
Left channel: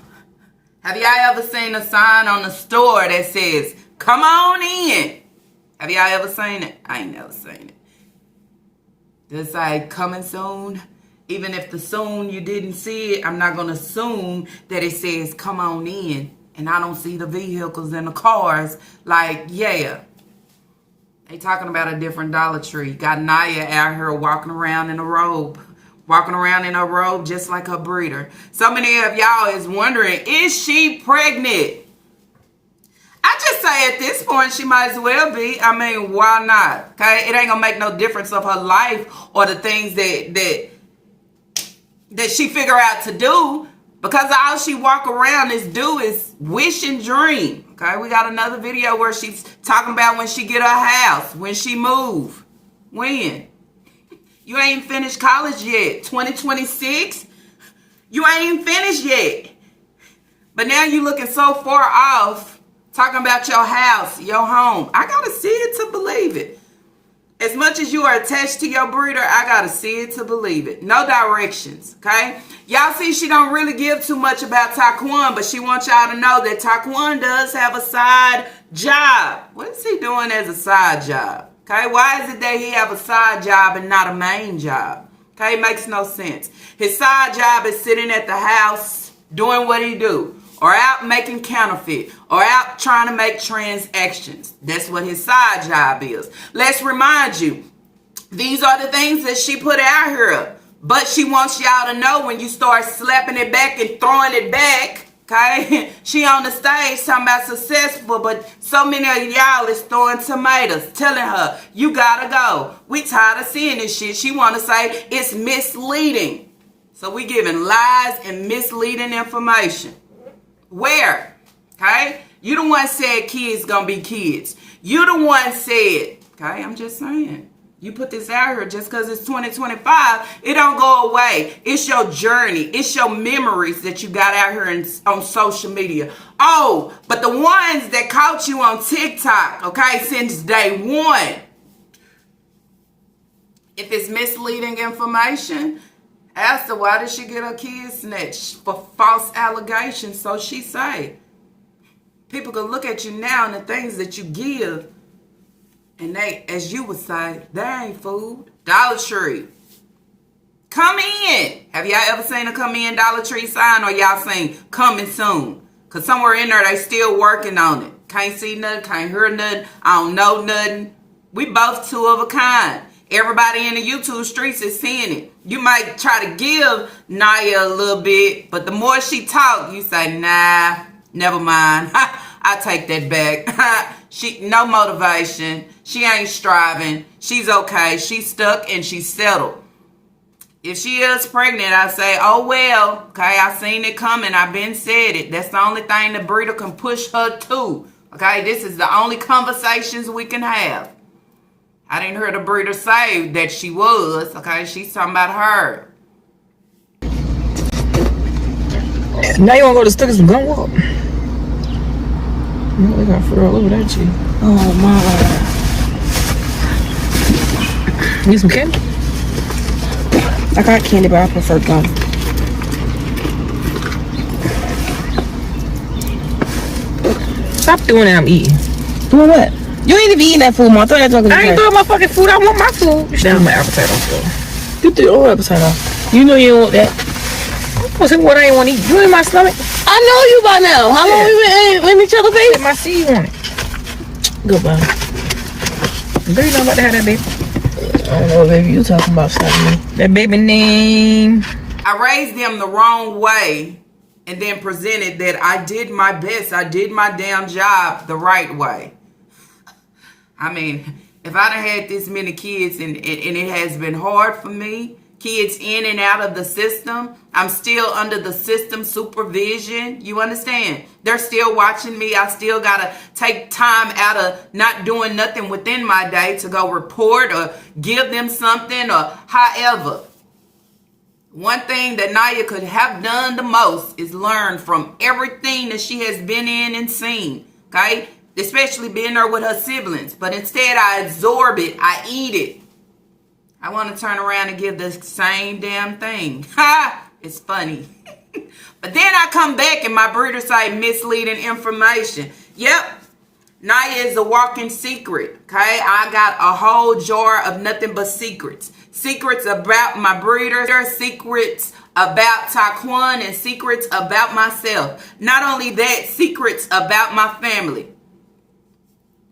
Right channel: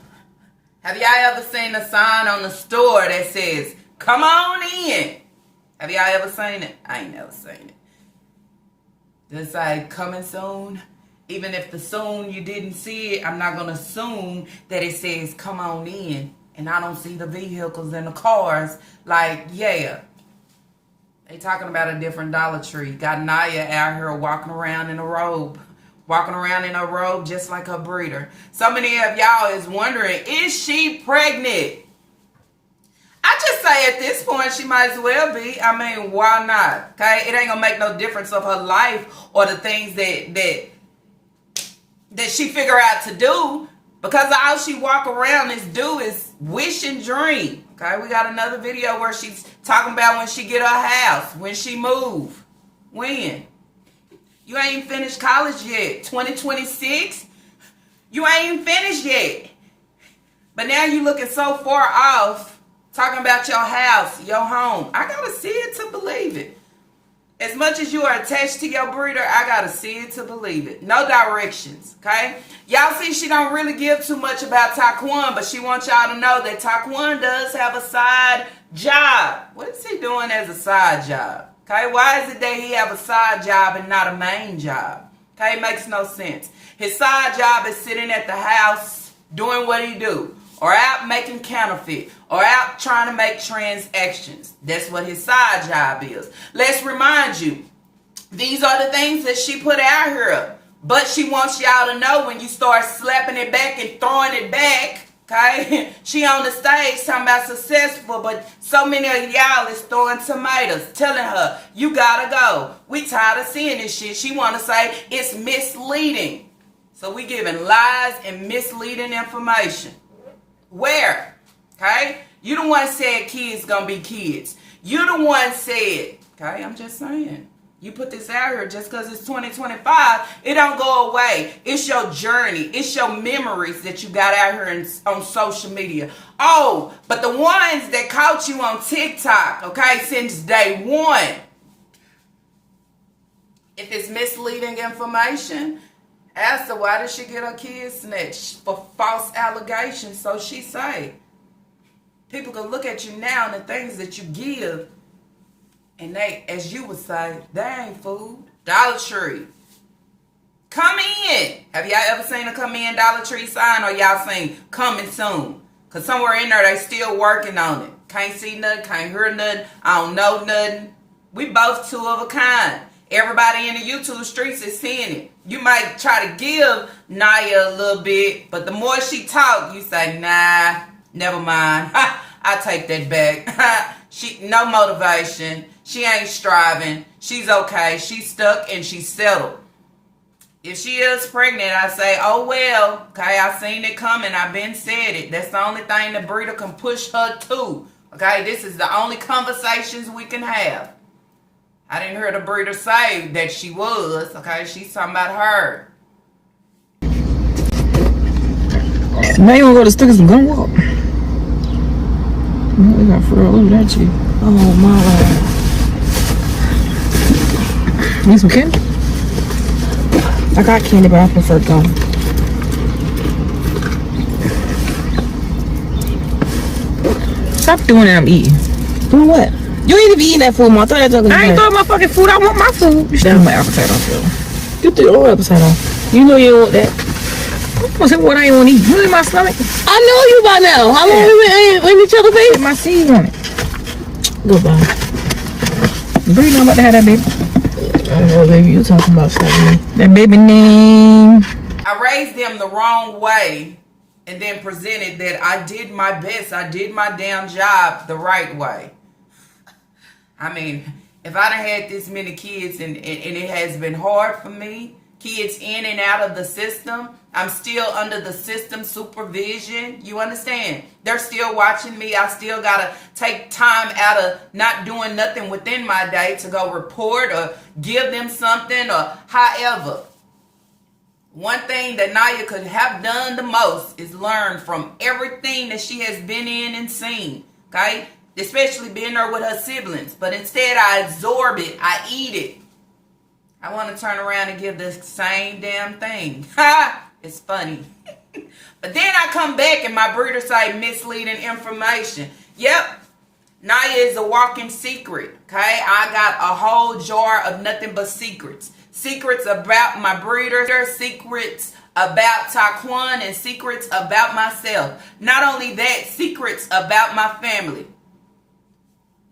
Have y'all ever seen a sign on the store that says, come on in? Have y'all ever seen it? I ain't never seen it. Just like coming soon. Even if the soon you didn't see it, I'm not going to assume that it says come on in. And I don't see the vehicles and the cars. Like, yeah. They talking about a different Dollar Tree. Got Naya out here walking around in a robe. Walking around in a robe just like her breeder. So many of y'all is wondering, is she pregnant? I just say at this point, she might as well be. I mean, why not? Okay, it ain't gonna make no difference of her life or the things that she figure out to do, because all she walk around is wish and dream. Okay, we got another video where she's talking about when she get her house, when she move, when. You ain't finished college yet. 2026, you ain't finished yet. But now you looking so far off, talking about your house, your home. I gotta see it to believe it. As much as you are attached to your breeder, I gotta see it to believe it. No directions, okay? Y'all see she don't really give too much about Taquan, but she wants y'all to know that Taquan does have a side job. What is he doing as a side job? Okay, why is it that he have a side job and not a main job? Okay, it makes no sense. His side job is sitting at the house doing what he do, or out making counterfeit, or out trying to make transactions. That's what his side job is. Let's remind you, these are the things that she put out here. But she wants y'all to know when you start slapping it back and throwing it back, okay? She on the stage talking about successful, but so many of y'all is throwing tomatoes, telling her, you gotta go. We tired of seeing this shit. She want to say it's misleading. So we giving lies and misleading information. Where? Okay? You the one said kids gonna be kids. You the one said, okay, I'm just saying. You put this out here just because it's 2025, it don't go away. It's your journey. It's your memories that you got out here on social media. Oh, but the ones that caught you on TikTok, okay, since day one, if it's misleading information, ask her, why did she get her kids snatched for false allegations? So she say. People can look at you now and the things that you give, and they, as you would say, that ain't food. Dollar Tree. Come in. Have y'all ever seen a come in Dollar Tree sign, or y'all seen coming soon? Because somewhere in there, they still working on it. Can't see nothing, can't hear nothing, I don't know nothing. We both two of a kind. Everybody in the YouTube streets is seeing it. You might try to give Naya a little bit, but the more she talk, you say, nah, never mind. I take that back. She no motivation. She ain't striving. She's okay. She's stuck and she's settled. If she is pregnant, I say, oh well, okay, I seen it coming. I been said it. That's the only thing the breeder can push her to. Okay, this is the only conversations we can have. I didn't hear the breeder say that she was. Okay, she's talking about her. Now you want to go to Stickers and Gun Walk? Yeah, we got Furl over that shit. Oh my. Need some candy? I got candy, but I prefer gum. Stop doing that, I'm eating. Doing what? You ain't even eating that food, Mom. I thought you were talking about. I ain't throwing my fucking food. I want my food. You still my appetite don't feel. You threw your appetite off. You know you don't want that. What's it? What I ain't want to eat? You in my stomach? I know you by now. How long we been in each other's face? My seeds on it. Goodbye. Bree know about to have that baby. I don't know what baby you talking about, Shadi. That baby name. I raised them the wrong way and then presented that I did my best. I did my damn job the right way. I mean, if I done had this many kids and it has been hard for me, kids in and out of the system, I'm still under the system supervision. You understand? They're still watching me. I still got to take time out of not doing nothing within my day to go report or give them something or however. One thing that Naya could have done the most is learn from everything that she has been in and seen. Okay? Especially being there with her siblings. But instead, I absorb it. I eat it. I want to turn around and give the same damn thing. Ha! It's funny. But then I come back and my breeder say misleading information. Yep. Naya is a walking secret. Okay. I got a whole jar of nothing but secrets. Secrets about my breeder, secrets about Taquan, and secrets about myself. Not only that, secrets about my family.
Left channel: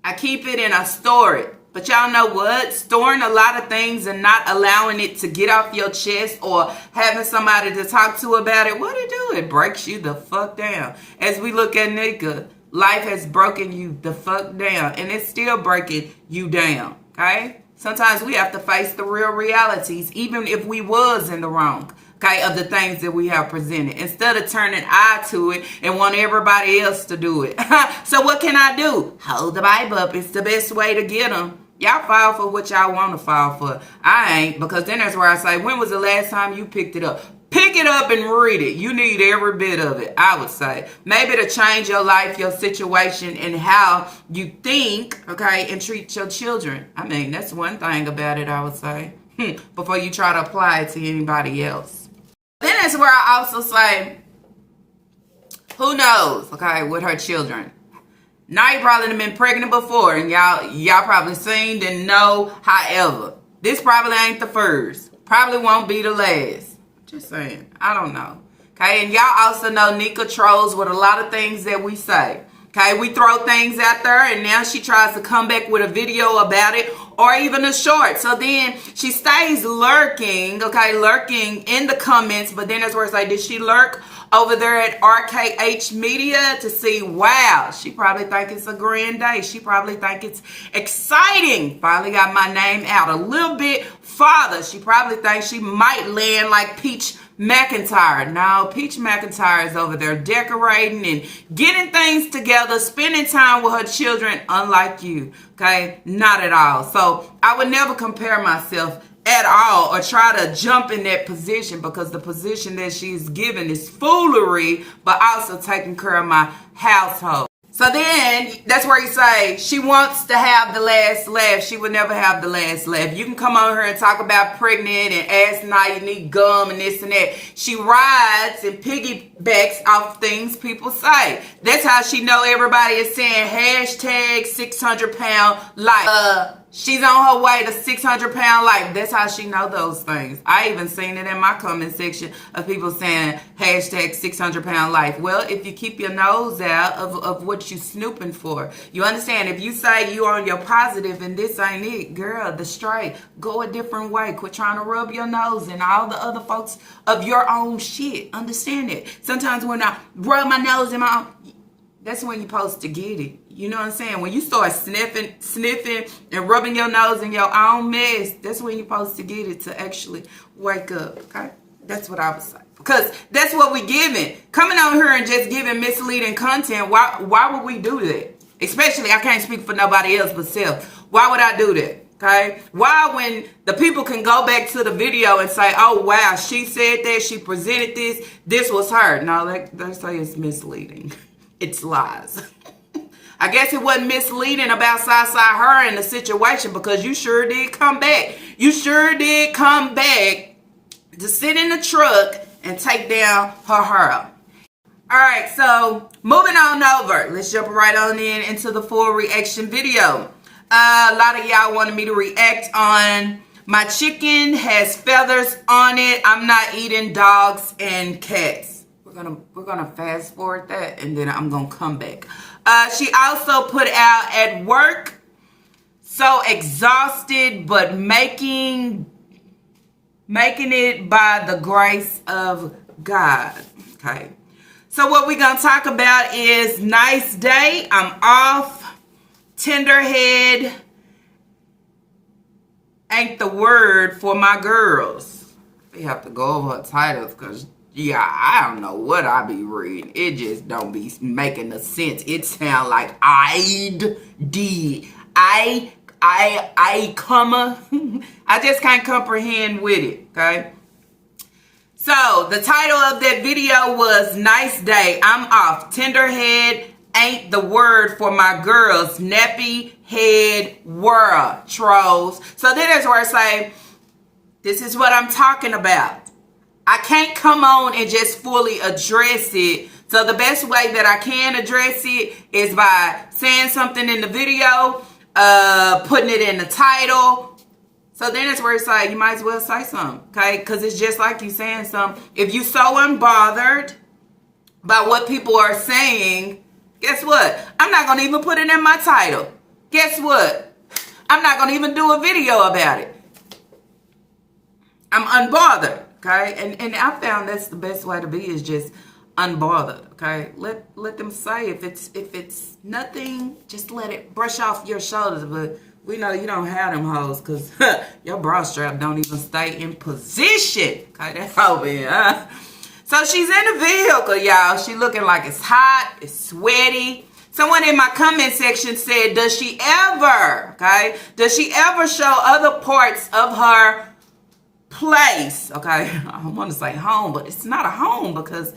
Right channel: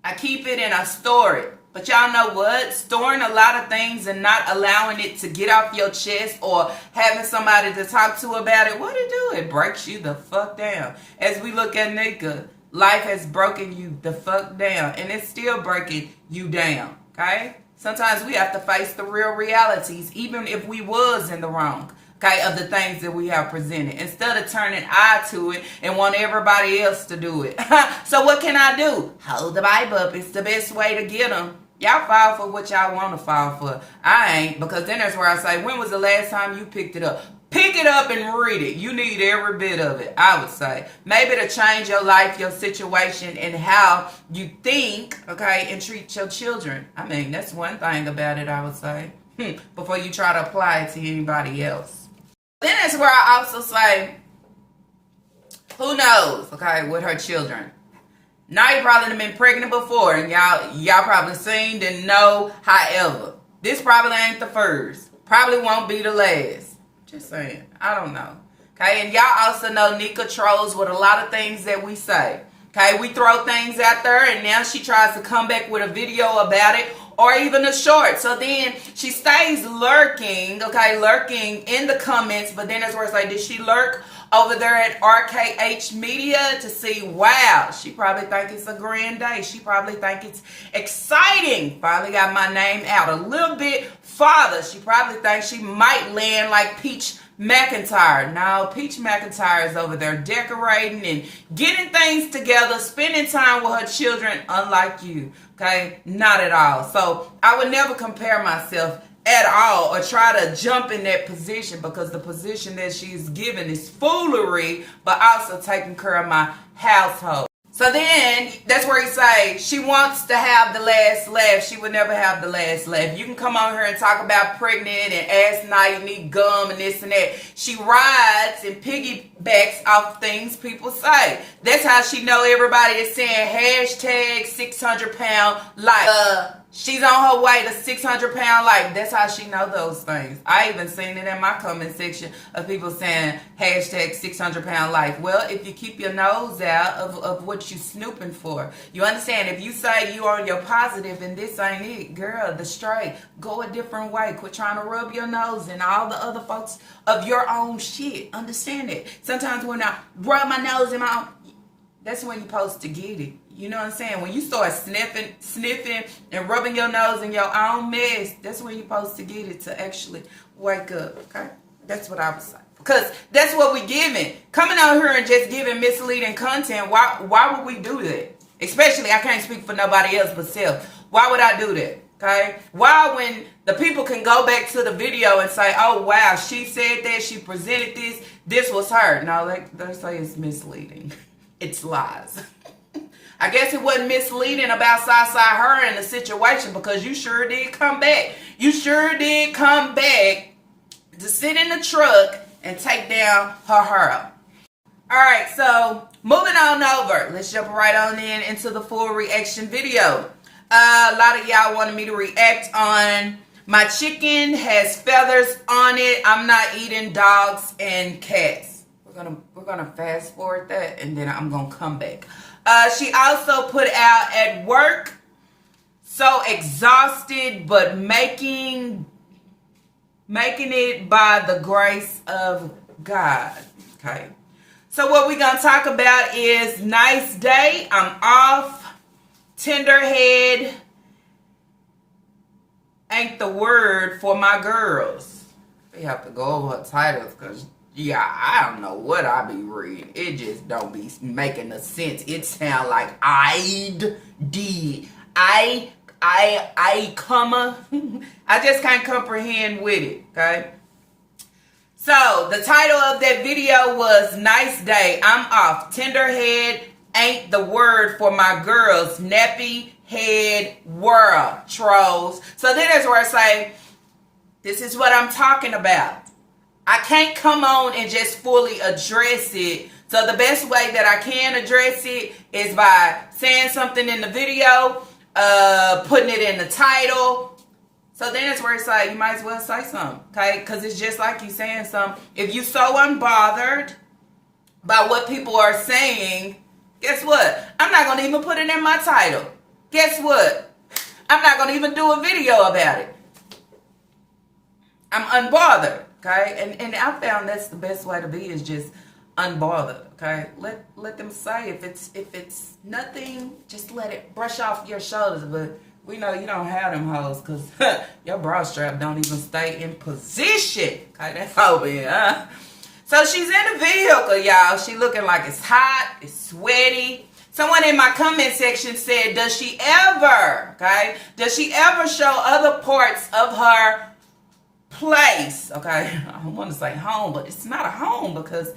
I keep it and I store it. But y'all know what? Storing a lot of things and not allowing it to get off your chest or having somebody to talk to about it, what it do? It breaks you the fuck down. As we look at Nika, life has broken you the fuck down, and it's still breaking you down, okay? Sometimes we have to face the real realities, even if we was in the wrong, okay, of the things that we have presented, instead of turning eye to it and want everybody else to do it. So what can I do? Hold the Bible up. It's the best way to get them. Y'all fall for what y'all want to fall for. I ain't, because then that's where I say, when was the last time you picked it up? Pick it up and read it. You need every bit of it, I would say. Maybe to change your life, your situation, and how you think, okay, and treat your children. I mean, that's one thing about it, I would say, before you try to apply it to anybody else. Then that's where I also say, who knows, okay, with her children. Now you probably have been pregnant before, and y'all probably seen and know. However, this probably ain't the first. Probably won't be the last. Just saying. I don't know. Okay, and y'all also know Nika trolls with a lot of things that we say. Okay, we throw things out there, and now she tries to come back with a video about it, or even a short. So then she stays lurking, okay, lurking in the comments, but then that's where it's like, did she lurk over there at RKH Media to see, wow, she probably think it's a grand day. She probably think it's exciting. Finally got my name out a little bit farther. She probably thinks she might land like Peach McIntyre. No, Peach McIntyre is over there decorating and getting things together, spending time with her children, unlike you, okay? Not at all. So I would never compare myself at all or try to jump in that position, because the position that she's given is foolery, but also taking care of my household. So then that's where you say she wants to have the last laugh. She would never have the last laugh. You can come on here and talk about pregnant and ask now you need gum and this and that. She rides and piggybacks off things people say. That's how she know everybody is saying hashtag 600-pound life. She's on her way to 600-pound life. That's how she know those things. I even seen it in my comment section of people saying hashtag 600-pound life. Well, if you keep your nose out of what you snooping for, you understand? If you say you on your positive and this ain't it, girl, the straight, go a different way. Quit trying to rub your nose in all the other folks of your own shit. Understand it. Sometimes when I rub my nose in my own, that's when you're supposed to get it. You know what I'm saying? When you start sniffing and rubbing your nose in your own mess, that's when you're supposed to get it to actually wake up, okay? That's what I would say. Because that's what we giving. Coming on here and just giving misleading content, why would we do that? Especially, I can't speak for nobody else but self. Why would I do that? Okay? Why, when the people can go back to the video and say, oh, wow, she said that, she presented this was her. No, they say it's misleading. It's lies. I guess it wasn't misleading about Sasa her in the situation, because you sure did come back. You sure did come back to sit in the truck and take down her hair. All right, so moving on over. Let's jump right on into the full reaction video. A lot of y'all wanted me to react on my chicken has feathers on it. I'm not eating dogs and cats. We're gonna fast forward that, and then I'm gonna come back. She also put out at work, so exhausted, but making it by the grace of God. Okay. So what we're gonna talk about is nice day. I'm off. Tenderhead ain't the word for my girls. They have to go over her titles, because yeah, I don't know what I be reading. It just don't be making a sense. It sound like I comma. I just can't comprehend with it, okay? So, the title of that video was Nice Day, I'm Off. Tenderhead ain't the word for my girls. Nappy head world, trolls. So then that's where I say, this is what I'm talking about. I can't come on and just fully address it. So the best way that I can address it is by saying something in the video, putting it in the title. So then it's where it's like, you might as well say something, okay? Because it's just like you saying something. If you so unbothered by what people are saying, guess what? I'm not going to even put it in my title. Guess what? I'm not going to even do a video about it. I'm unbothered, okay? And I found that's the best way to be, is just unbothered, okay? Let them say, if it's nothing, just let it brush off your shoulders. But we know you don't have them hoes, because your bra strap don't even stay in position, okay? That's over here, huh? So she's in the vehicle, y'all. She looking like it's hot, it's sweaty. Someone in my comment section said, does she ever show other parts of her place? Okay, I want to say home, but it's not a home, because,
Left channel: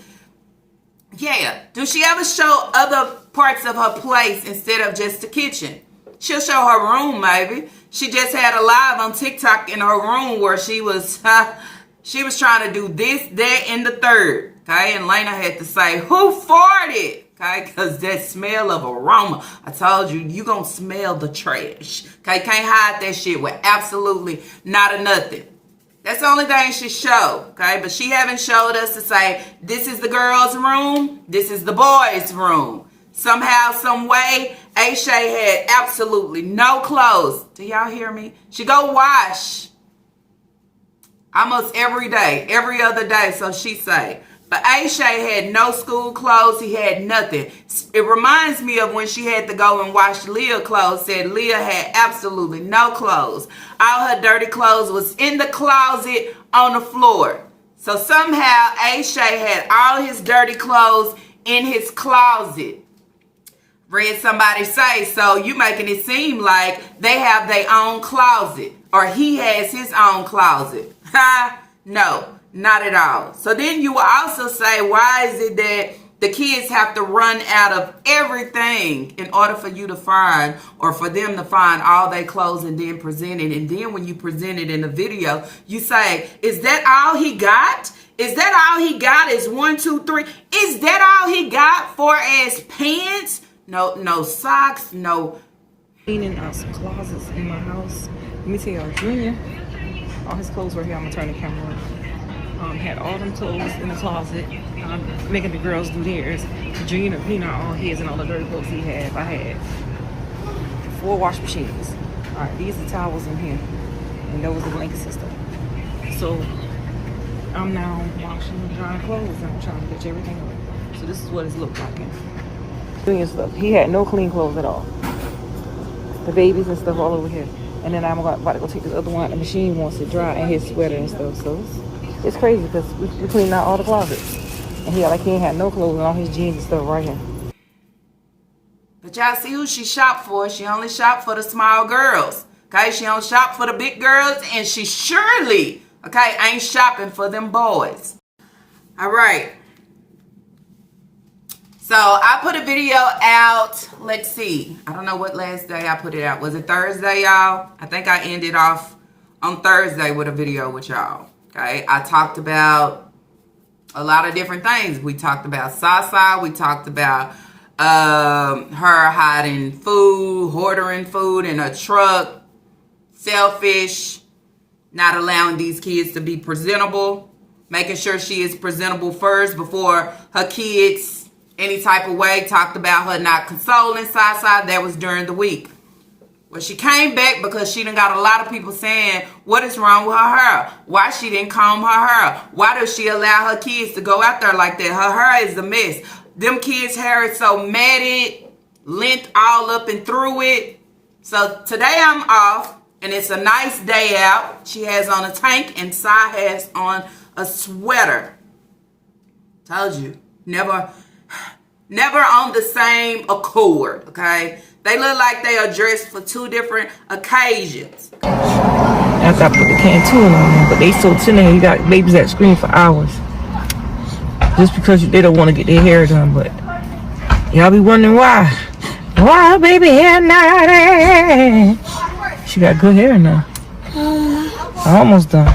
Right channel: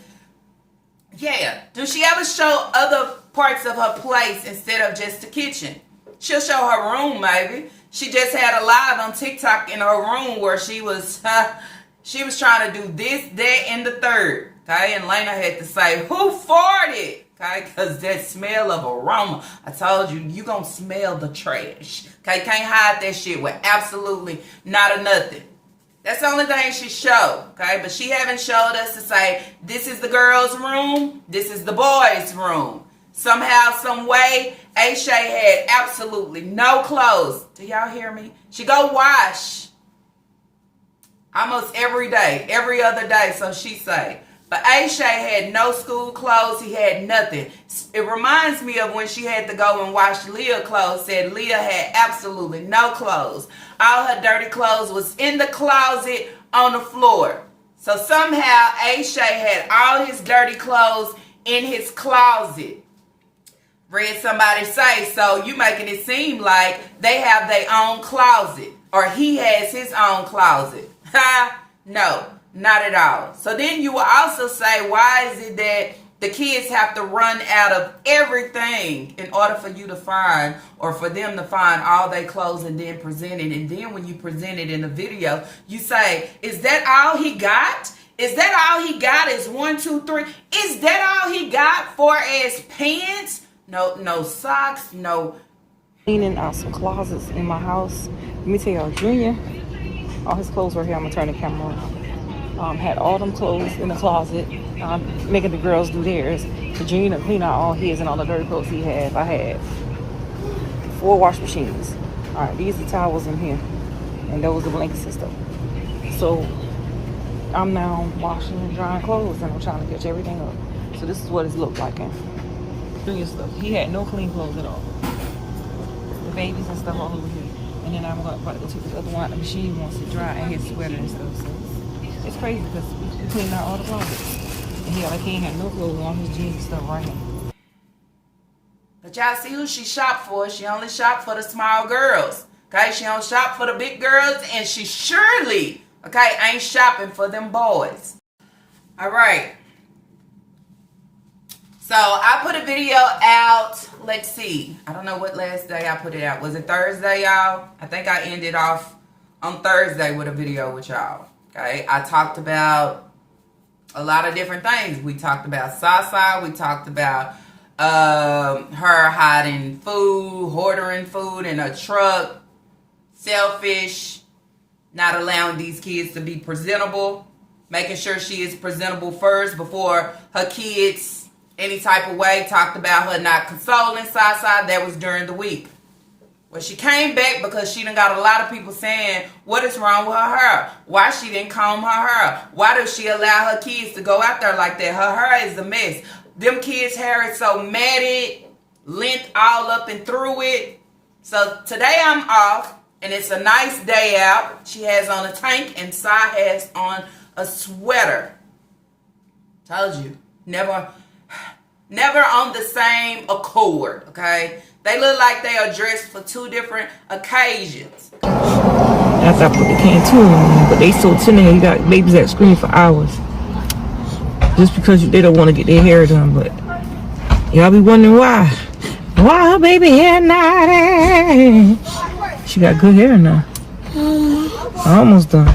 yeah. Do she ever show other parts of her place instead of just the kitchen? She'll show her room, maybe. She just had a live on TikTok in her room where she was trying to do this, that, and the third. Okay, and Lena had to say, who farted? Okay, because that smell of aroma. I told you, you gonna smell the trash. Okay, can't hide that shit with absolutely not a nothing. That's the only thing she showed. Okay, but she haven't showed us to say, this is the girl's room, this is the boy's room. Somehow, some way, Aisha had absolutely no clothes. Do y'all hear me? She go wash almost every day, every other day, so she say. But Aisha had no school clothes. He had nothing. It reminds me of when she had to go and wash Leah's clothes. Said Leah had absolutely no clothes. All her dirty clothes was in the closet on the floor. So somehow Aisha had all his dirty clothes in his closet. Read somebody say, so you making it seem like they have their own closet, or he has his own closet. No, not at all. So then you will also say, why is it that the kids have to run out of everything in order for you to find, or for them to find all their clothes and then present it? And then when you present it in the video, you say, is that all he got? Is that all he got is 1, 2, 3? Is that all he got for as pants? No socks, no. Cleaning out some closets in my house. Let me tell y'all, Junior, all his clothes were here. I'm gonna turn the camera on. Had all them clothes in the closet. Making the girls do theirs. So Junior cleaned out all his and all the dirty clothes he had. I had 4 wash machines. These are the towels in here, and those are the blankets and stuff. So I'm now washing and drying clothes, and I'm trying to catch everything up. So this is what it's looked like now. Stuff. He had no clean clothes at all. The babies and stuff all over here. And then I'm about to go take this other one out. The machine wants to dry, and his sweater and stuff. So it's crazy, because we cleaned out all the closets. And he ain't had no clothes, and all his jeans and stuff right here. But y'all see who she shopped for. She only shopped for the small girls. Okay, she don't shop for the big girls, and she surely, okay, ain't shopping for them boys. All right. So I put a video out, let's see. I don't know what last day I put it out. Was it Thursday, y'all? I think I ended off on Thursday with a video with y'all. Okay, I talked about a lot of different things. We talked about Sasa. We talked about her hiding food, hoarding food in her truck, selfish, not allowing these kids to be presentable, making sure she is presentable first before her kids any type of way. Talked about her not consoling Sasa. That was during the week. Well, she came back because she done got a lot of people saying, what is wrong with her hair? Why she didn't comb her hair? Why does she allow her kids to go out there like that? Her hair is a mess. Them kids' hair is so matted, length all up and through it. So today I'm off, and it's a nice day out. She has on a tank, and Sai has on a sweater. Told you, never on the same accord, okay? They look like they are dressed for 2 different occasions. After I put the can too on, but they so tender, you got babies that scream for hours. Just because they don't want to get their hair done, but y'all be wondering why. Why baby hair naughty? She got good hair now. I'm almost done.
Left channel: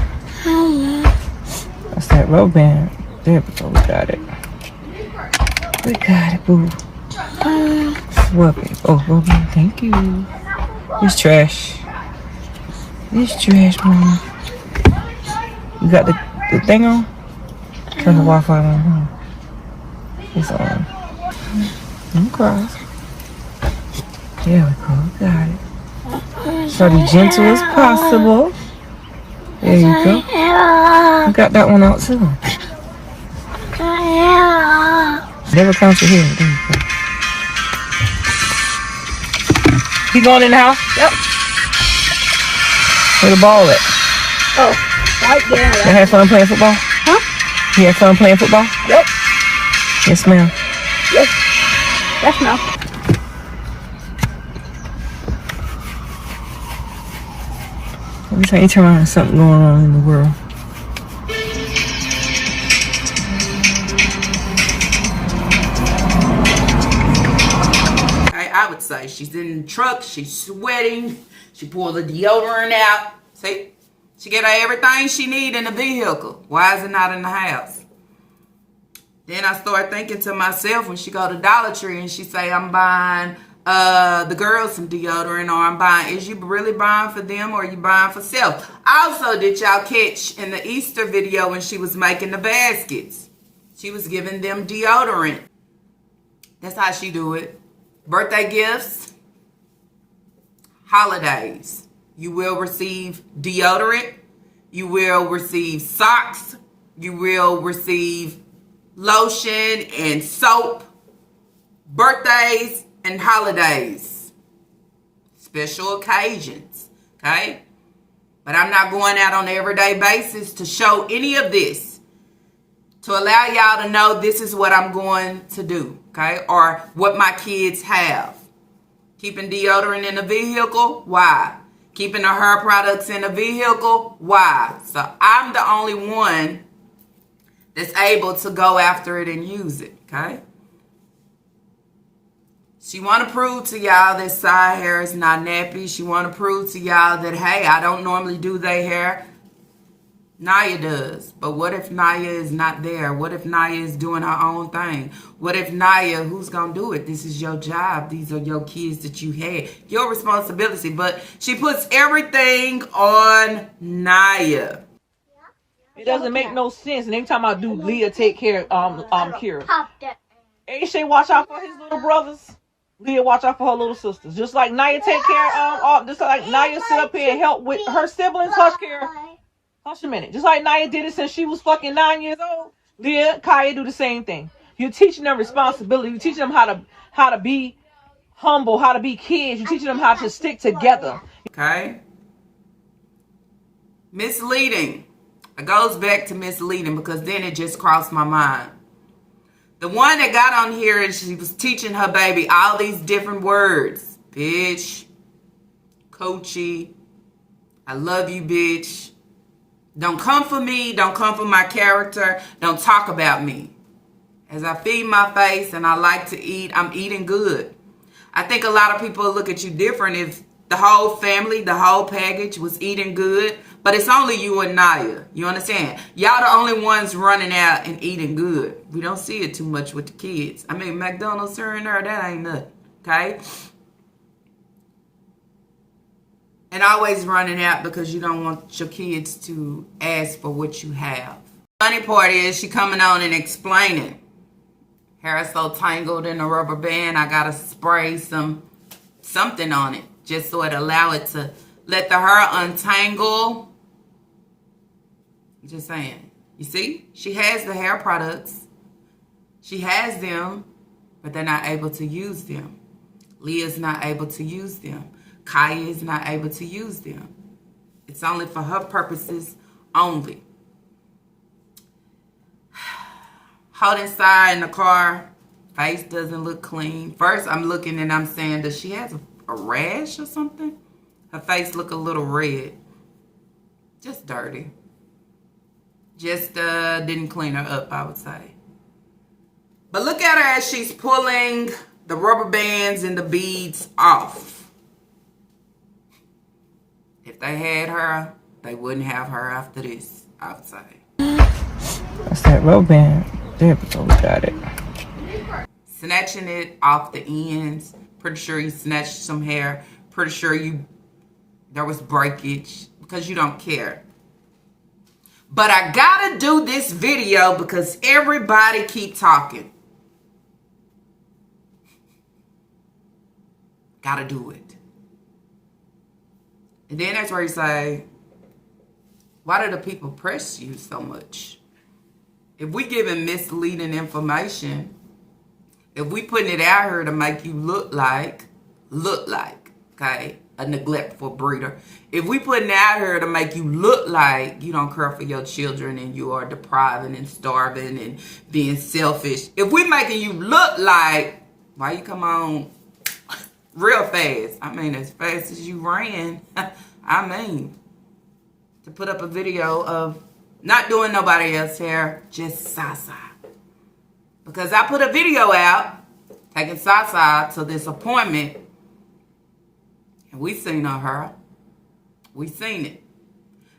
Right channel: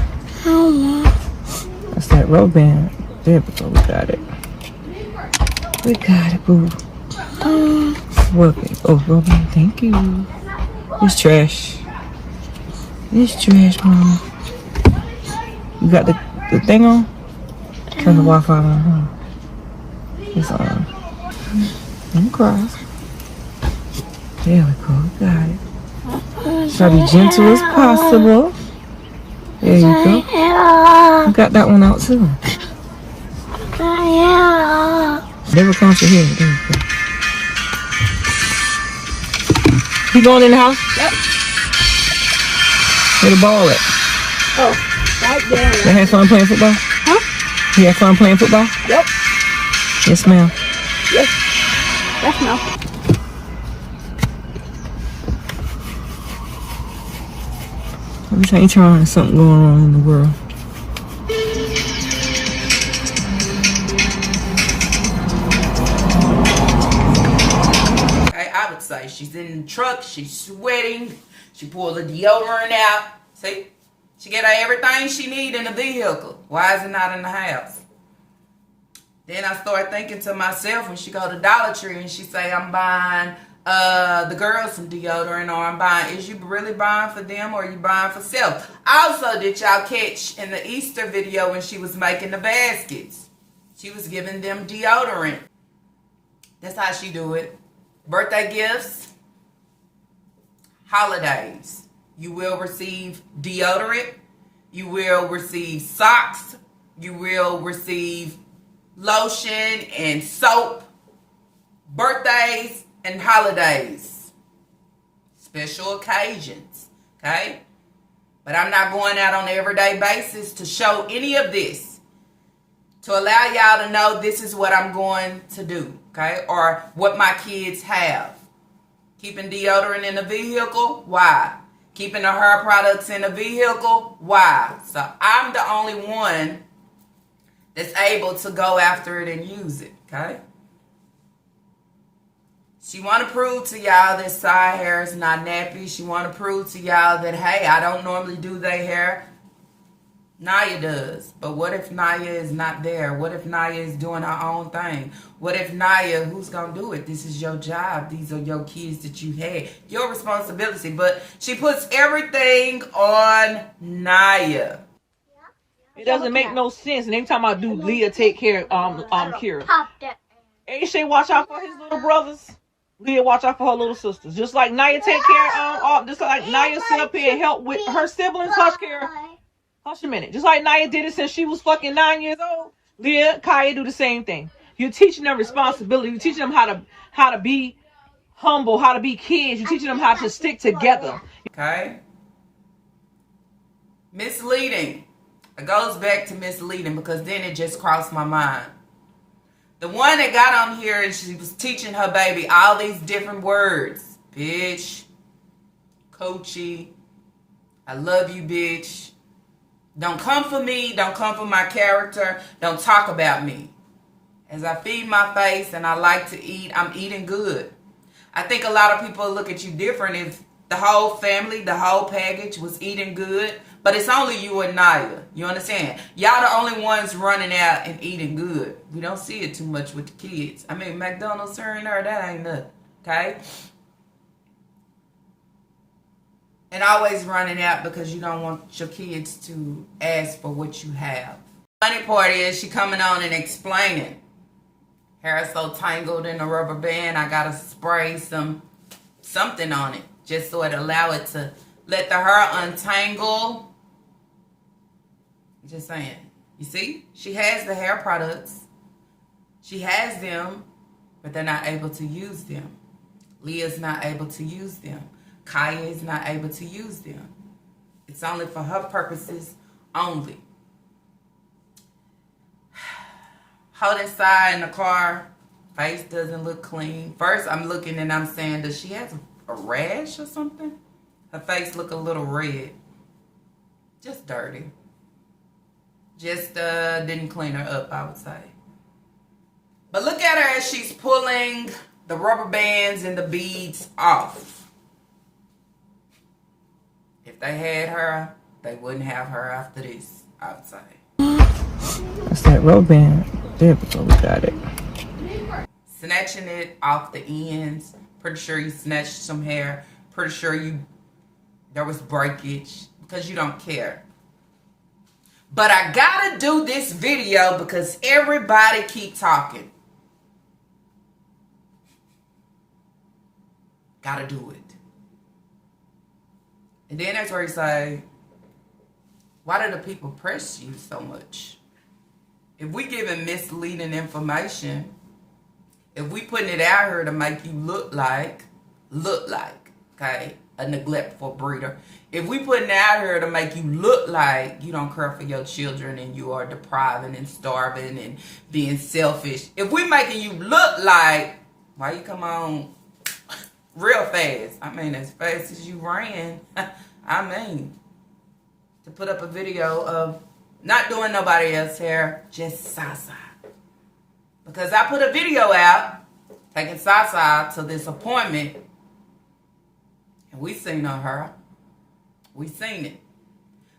That's that rubber band. There we go. We got it. We got it, boo. Rub it. Oh, rubber band. Thank you. It's trash. It's trash, mama. You got the thing on? Turn the Wi-Fi on, huh? It's on. Don't cry. There we go. We got it. Try to be gentle as possible. There you go. You got that one out too. Never count your hair. There you go. You going in the house? Yep. Where the ball at? Oh, right there. You had fun playing football? Huh? You had fun playing football? Yep. Yes, ma'am. Yes. Yes, no. Every time you turn around, there's something going on in the world. I would say she's in the truck, she's sweating, she pulled the deodorant out. See? She get her everything she need in the vehicle. Why is it not in the house? Then I start thinking to myself when she go to Dollar Tree and she say, I'm buying the girls some deodorant, or I'm buying, is you really buying for them or are you buying for self? Also, did y'all catch in the Easter video when she was making the baskets? She was giving them deodorant. That's how she do it. Birthday gifts, holidays. You will receive deodorant. You will receive socks. You will receive lotion and soap. Birthdays and holidays. Special occasions. Okay? But I'm not going out on an everyday basis to show any of this. To allow y'all to know this is what I'm going to do. Okay? Or what my kids have. Keeping deodorant in the vehicle? Why? Keeping the hair products in the vehicle? Why? So I'm the only one that's able to go after it and use it. Okay? She want to prove to y'all that side hair is not nappy. She want to prove to y'all that, hey, I don't normally do their hair. Naya does. But what if Naya is not there? What if Naya is doing her own thing? What if Naya, who's going to do it? This is your job. These are your kids that you had. Your responsibility. But she puts everything on Naya. It doesn't make no sense. And every time I do, Leah take care of Kira. Shay watch out for his little brothers. Leah watch out for her little sisters. Just like Naya take care of just like Naya sit up here and help with her siblings. Hush, Kira. Hush a minute. Just like Naya did it since she was fucking 9 years old. Leah, Kaya do the same thing. You're teaching them responsibility. You're teaching them how to be humble, how to be kids. You're teaching them how to stick together. Okay? Misleading. It goes back to misleading because then it just crossed my mind. The one that got on here and she was teaching her baby all these different words. Bitch. Coachy. I love you, bitch. Don't come for me. Don't come for my character. Don't talk about me. As I feed my face and I like to eat, I'm eating good. I think a lot of people look at you different if the whole family, the whole package was eating good. But it's only you and Naya. You understand? Y'all the only ones running out and eating good. We don't see it too much with the kids. I mean, McDonald's here and there, that ain't nothing. Okay? And always running out because you don't want your kids to ask for what you have. Funny part is she coming on and explaining. Hair is so tangled in a rubber band, I gotta spray something on it just so it allow it to let the hair untangle. Just saying. You see? She has the hair products. She has them, but they're not able to use them. Leah's not able to use them. Kaya is not able to use them. It's only for her purposes only. Hold inside in the car. Face doesn't look clean. First, I'm looking and I'm saying, does she have a rash or something? Her face look a little red. Just dirty. Just didn't clean her up, I would say. But look at her as she's pulling the rubber bands and the beads off. If they had her, they wouldn't have her after this, I would say. It's that rubber band. There we go. We got it. Snatching it off the ends. Pretty sure you snatched some hair. Pretty sure there was breakage because you don't care. But I gotta do this video because everybody keep talking. Gotta do it. And then that's where you say, why do the people press you so much? If we giving misleading information, if we putting it out here to make you look like, okay, a neglectful breeder. If we putting it out here to make you look like you don't care for your children and you are depriving and starving and being selfish. If we making you look like, why you come on real fast? I mean, as fast as you ran, I mean, to put up a video of not doing nobody else's hair, just Sasa. Because I put a video out, taking Sasa to this appointment, and we seen her. We seen it.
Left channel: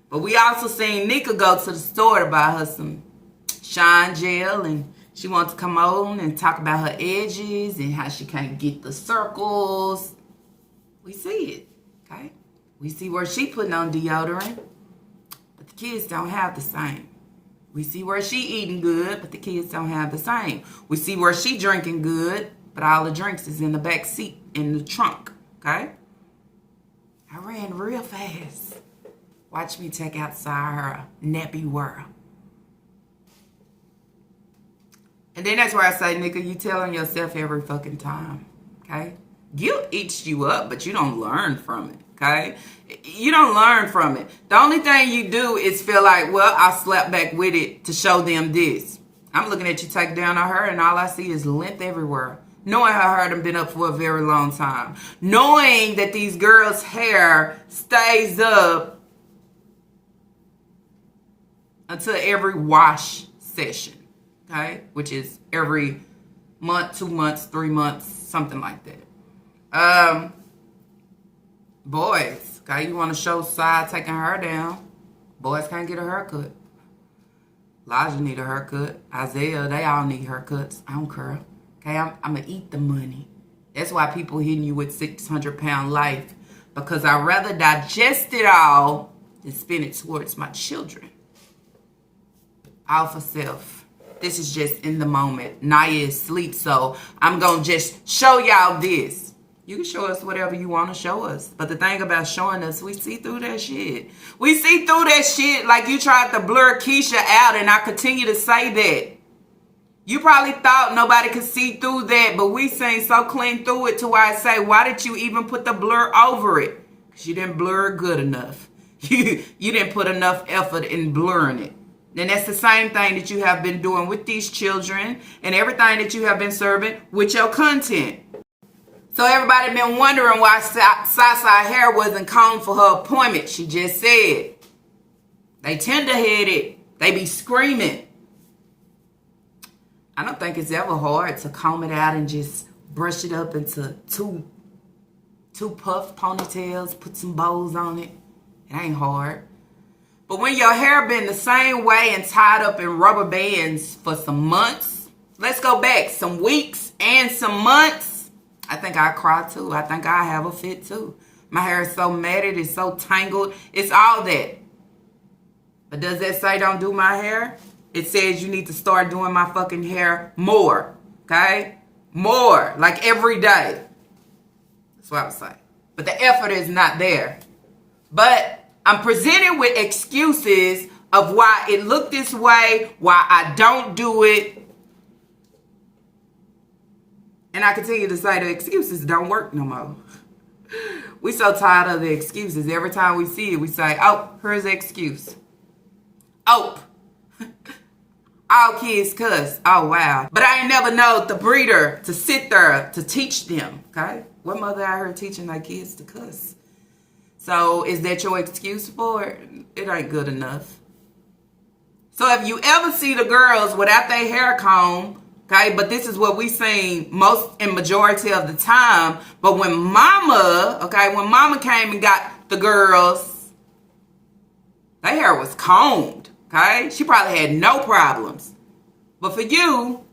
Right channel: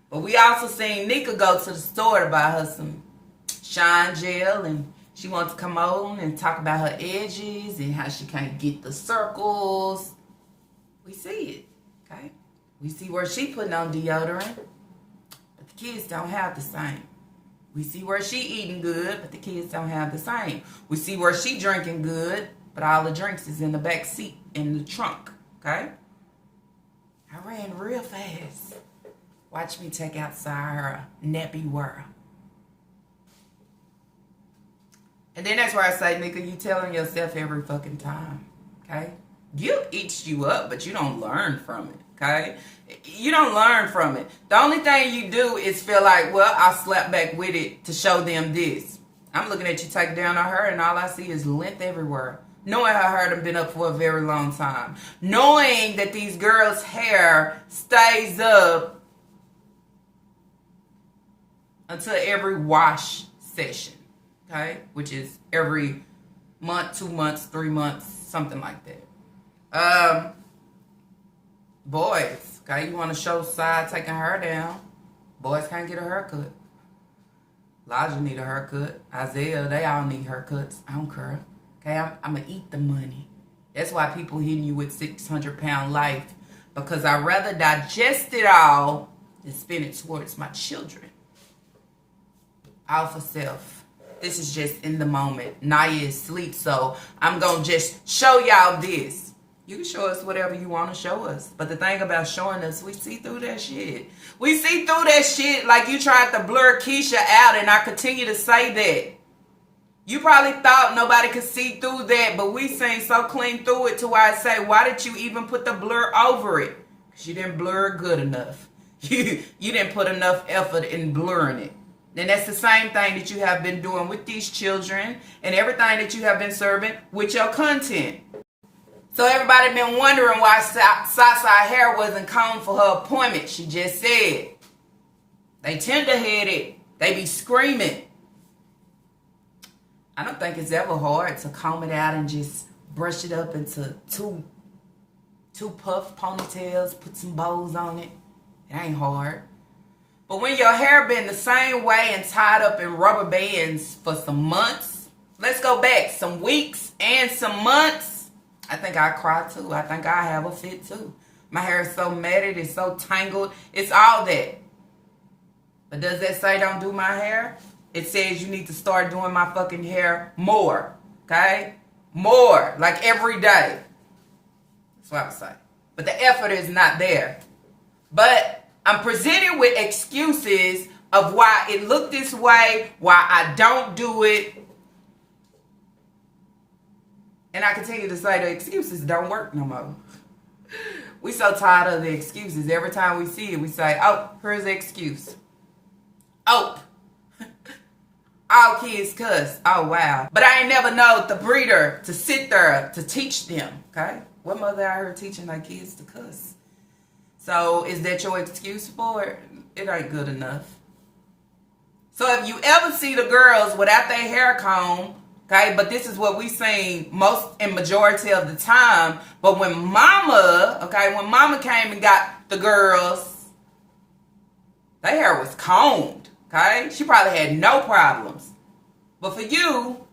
But we also seen Nika go to the store to buy her some shine gel, and she wants to come on and talk about her edges and how she can't get the circles. We see it, okay? We see where she putting on deodorant, but the kids don't have the same. We see where she eating good, but the kids don't have the same. We see where she drinking good, but all the drinks is in the back seat, in the trunk, okay? I ran real fast. Watch me take outside her nappy world. And then that's where I say, nigga, you telling yourself every fucking time, okay? Guilt eats you up, but you don't learn from it, okay? You don't learn from it. The only thing you do is feel like, well, I'll slap back with it to show them this. I'm looking at you take down on her, and all I see is length everywhere. Knowing her hair done been up for a very long time. Knowing that these girls' hair stays up until every wash session, okay? Which is every month, 2 months, 3 months, something like that. Boys, okay, you want to show side taking her down. Boys can't get a haircut. Elijah need a haircut. Isaiah, they all need haircuts. I don't care. Okay, I'm going to eat the money. That's why people hitting you with 600-pound life. Because I'd rather digest it all than spend it towards my children. All for self. This is just in the moment. Naya is asleep, so I'm going to just show y'all this. You can show us whatever you want to show us. But the thing about showing us, we see through that shit. We see through that shit like you tried to blur Keisha out, and I continue to say that. You probably thought nobody could see through that, but we seen so clean through it to where I say, why did you even put the blur over it? Because you didn't blur it good enough. You didn't put enough effort in blurring it. And that's the same thing that you have been doing with these children and everything that you have been serving with your content. So everybody been wondering why Sasa hair wasn't combed for her appointment. She just said, they tender-headed. They be screaming. I don't think it's ever hard to comb it out and just brush it up into two puff ponytails, put some bows on it. It ain't hard. But when your hair been the same way and tied up in rubber bands for some months, let's go back some weeks and some months, I think I cry too. I think I have a fit too. My hair is so matted, it's so tangled, it's all that. But does that say don't do my hair? It says you need to start doing my fucking hair more, okay? More, like every day. That's what I would say. But the effort is not there. But I'm presented with excuses of why it looked this way, why I don't do it. And I continue to say the excuses don't work no more. We so tired of the excuses. Every time we see it, we say, oh, here's the excuse. Oh. All kids cuss. Oh, wow. But I ain't never know the breeder to sit there to teach them, okay? What mother out here teaching their kids to cuss? So is that your excuse for it? It ain't good enough. So if you ever see the girls without their hair comb, okay, but this is what we seen most and majority of the time. But when mama came and got the girls, their hair was combed. Okay? She probably had no problems. But for you,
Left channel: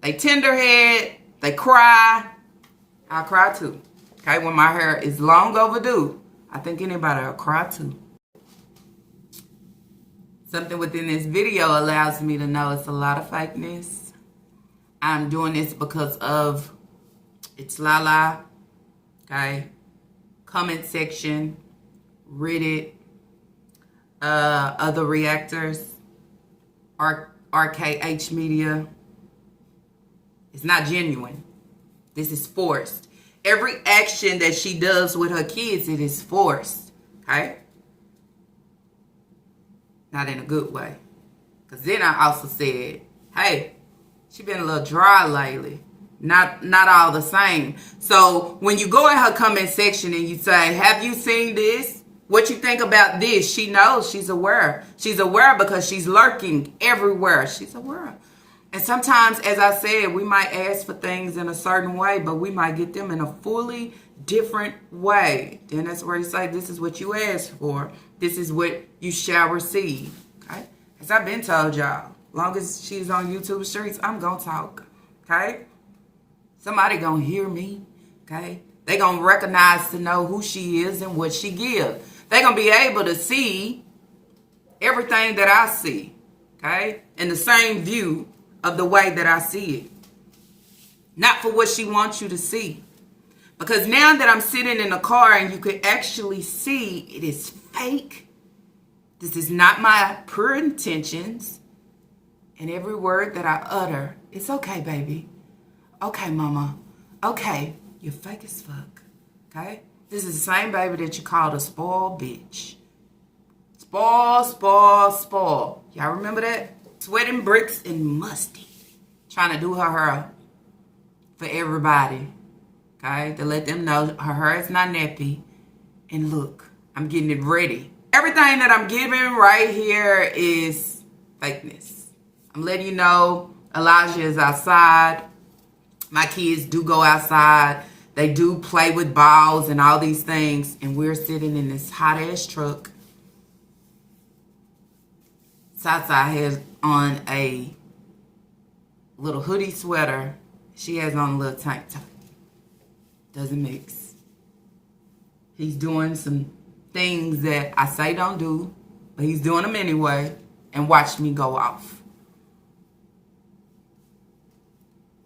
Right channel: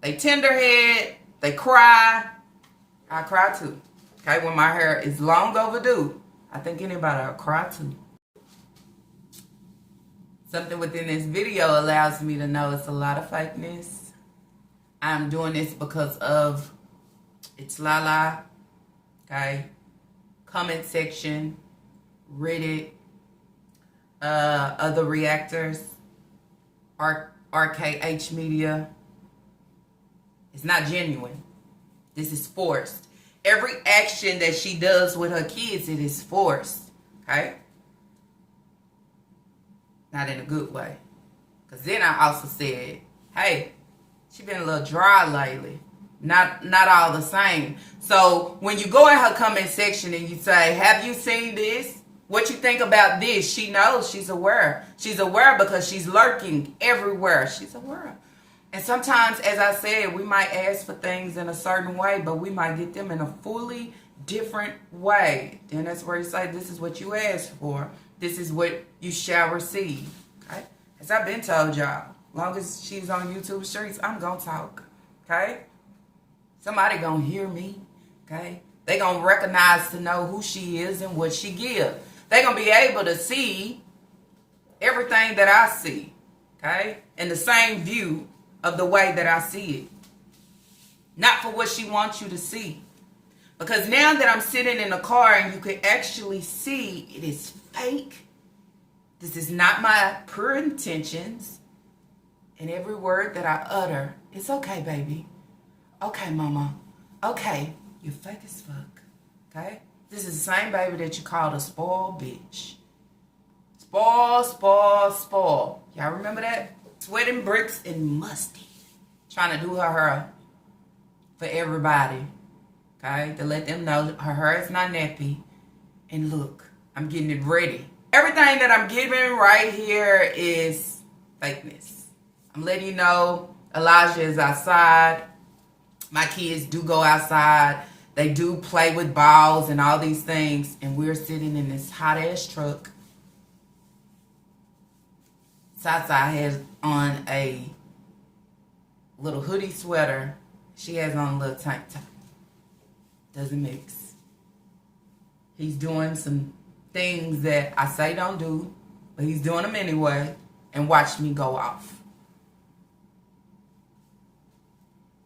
they tenderhead, they cry. I cry too. Okay? When my hair is long overdue, I think anybody will cry too. Something within this video allows me to know it's a lot of fakeness. I'm doing this because of it's Lala. Okay? Comment section, Reddit, other reactors, RKH media. It's not genuine. This is forced. Every action that she does with her kids, it is forced. Okay? Not in a good way. Because then I also said, hey, she been a little dry lately. Not all the same. So when you go in her comment section and you say, have you seen this? What you think about this? She knows. She's aware. She's aware because she's lurking everywhere. She's aware. And sometimes, as I said, we might ask for things in a certain way, but we might get them in a fully different way. Then that's where you say, this is what you asked for. This is what you shall receive. Okay? As I've been told y'all, long as she's on YouTube streets, I'm going to talk. Okay? Somebody going to hear me. Okay? They going to recognize to know who she is and what she gives. They going to be able to see everything that I see. Okay? In the same view of the way that I see it. Not for what she wants you to see. Because now that I'm sitting in the car and you can actually see it is fake. This is not my pure intentions. And every word that I utter, it's okay, baby. Okay, mama. Okay, you're fake as fuck. Okay? This is the same baby that you called a spoiled bitch. Spoil. Y'all remember that? Sweating bricks and musty. Trying to do her hair for everybody. Okay? To let them know her hair is not nappy. And look, I'm getting it ready. Everything that I'm giving right here is fakeness. I'm letting you know Elijah is outside. My kids do go outside. They do play with balls and all these things. And we're sitting in this hot ass truck. Sasa has on a little hoodie sweater. She has on a little tank top. Doesn't mix. He's doing some things that I say don't do, but he's doing them anyway, and watch me go off.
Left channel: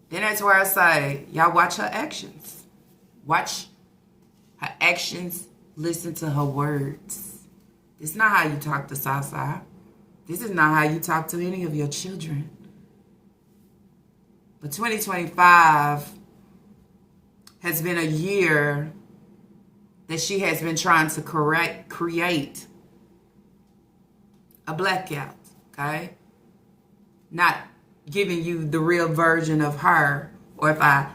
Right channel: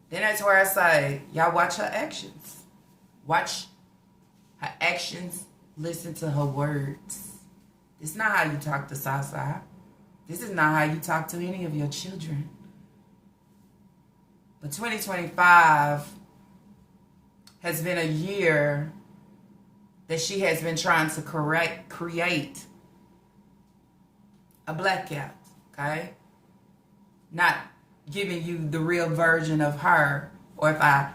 Then that's where I say, y'all watch her actions. Watch her actions. Listen to her words. It's not how you talk to Sasa. This is not how you talk to any of your children. But 2025 has been a year that she has been trying to create a blackout, okay? Not giving you the real version of her. Or if I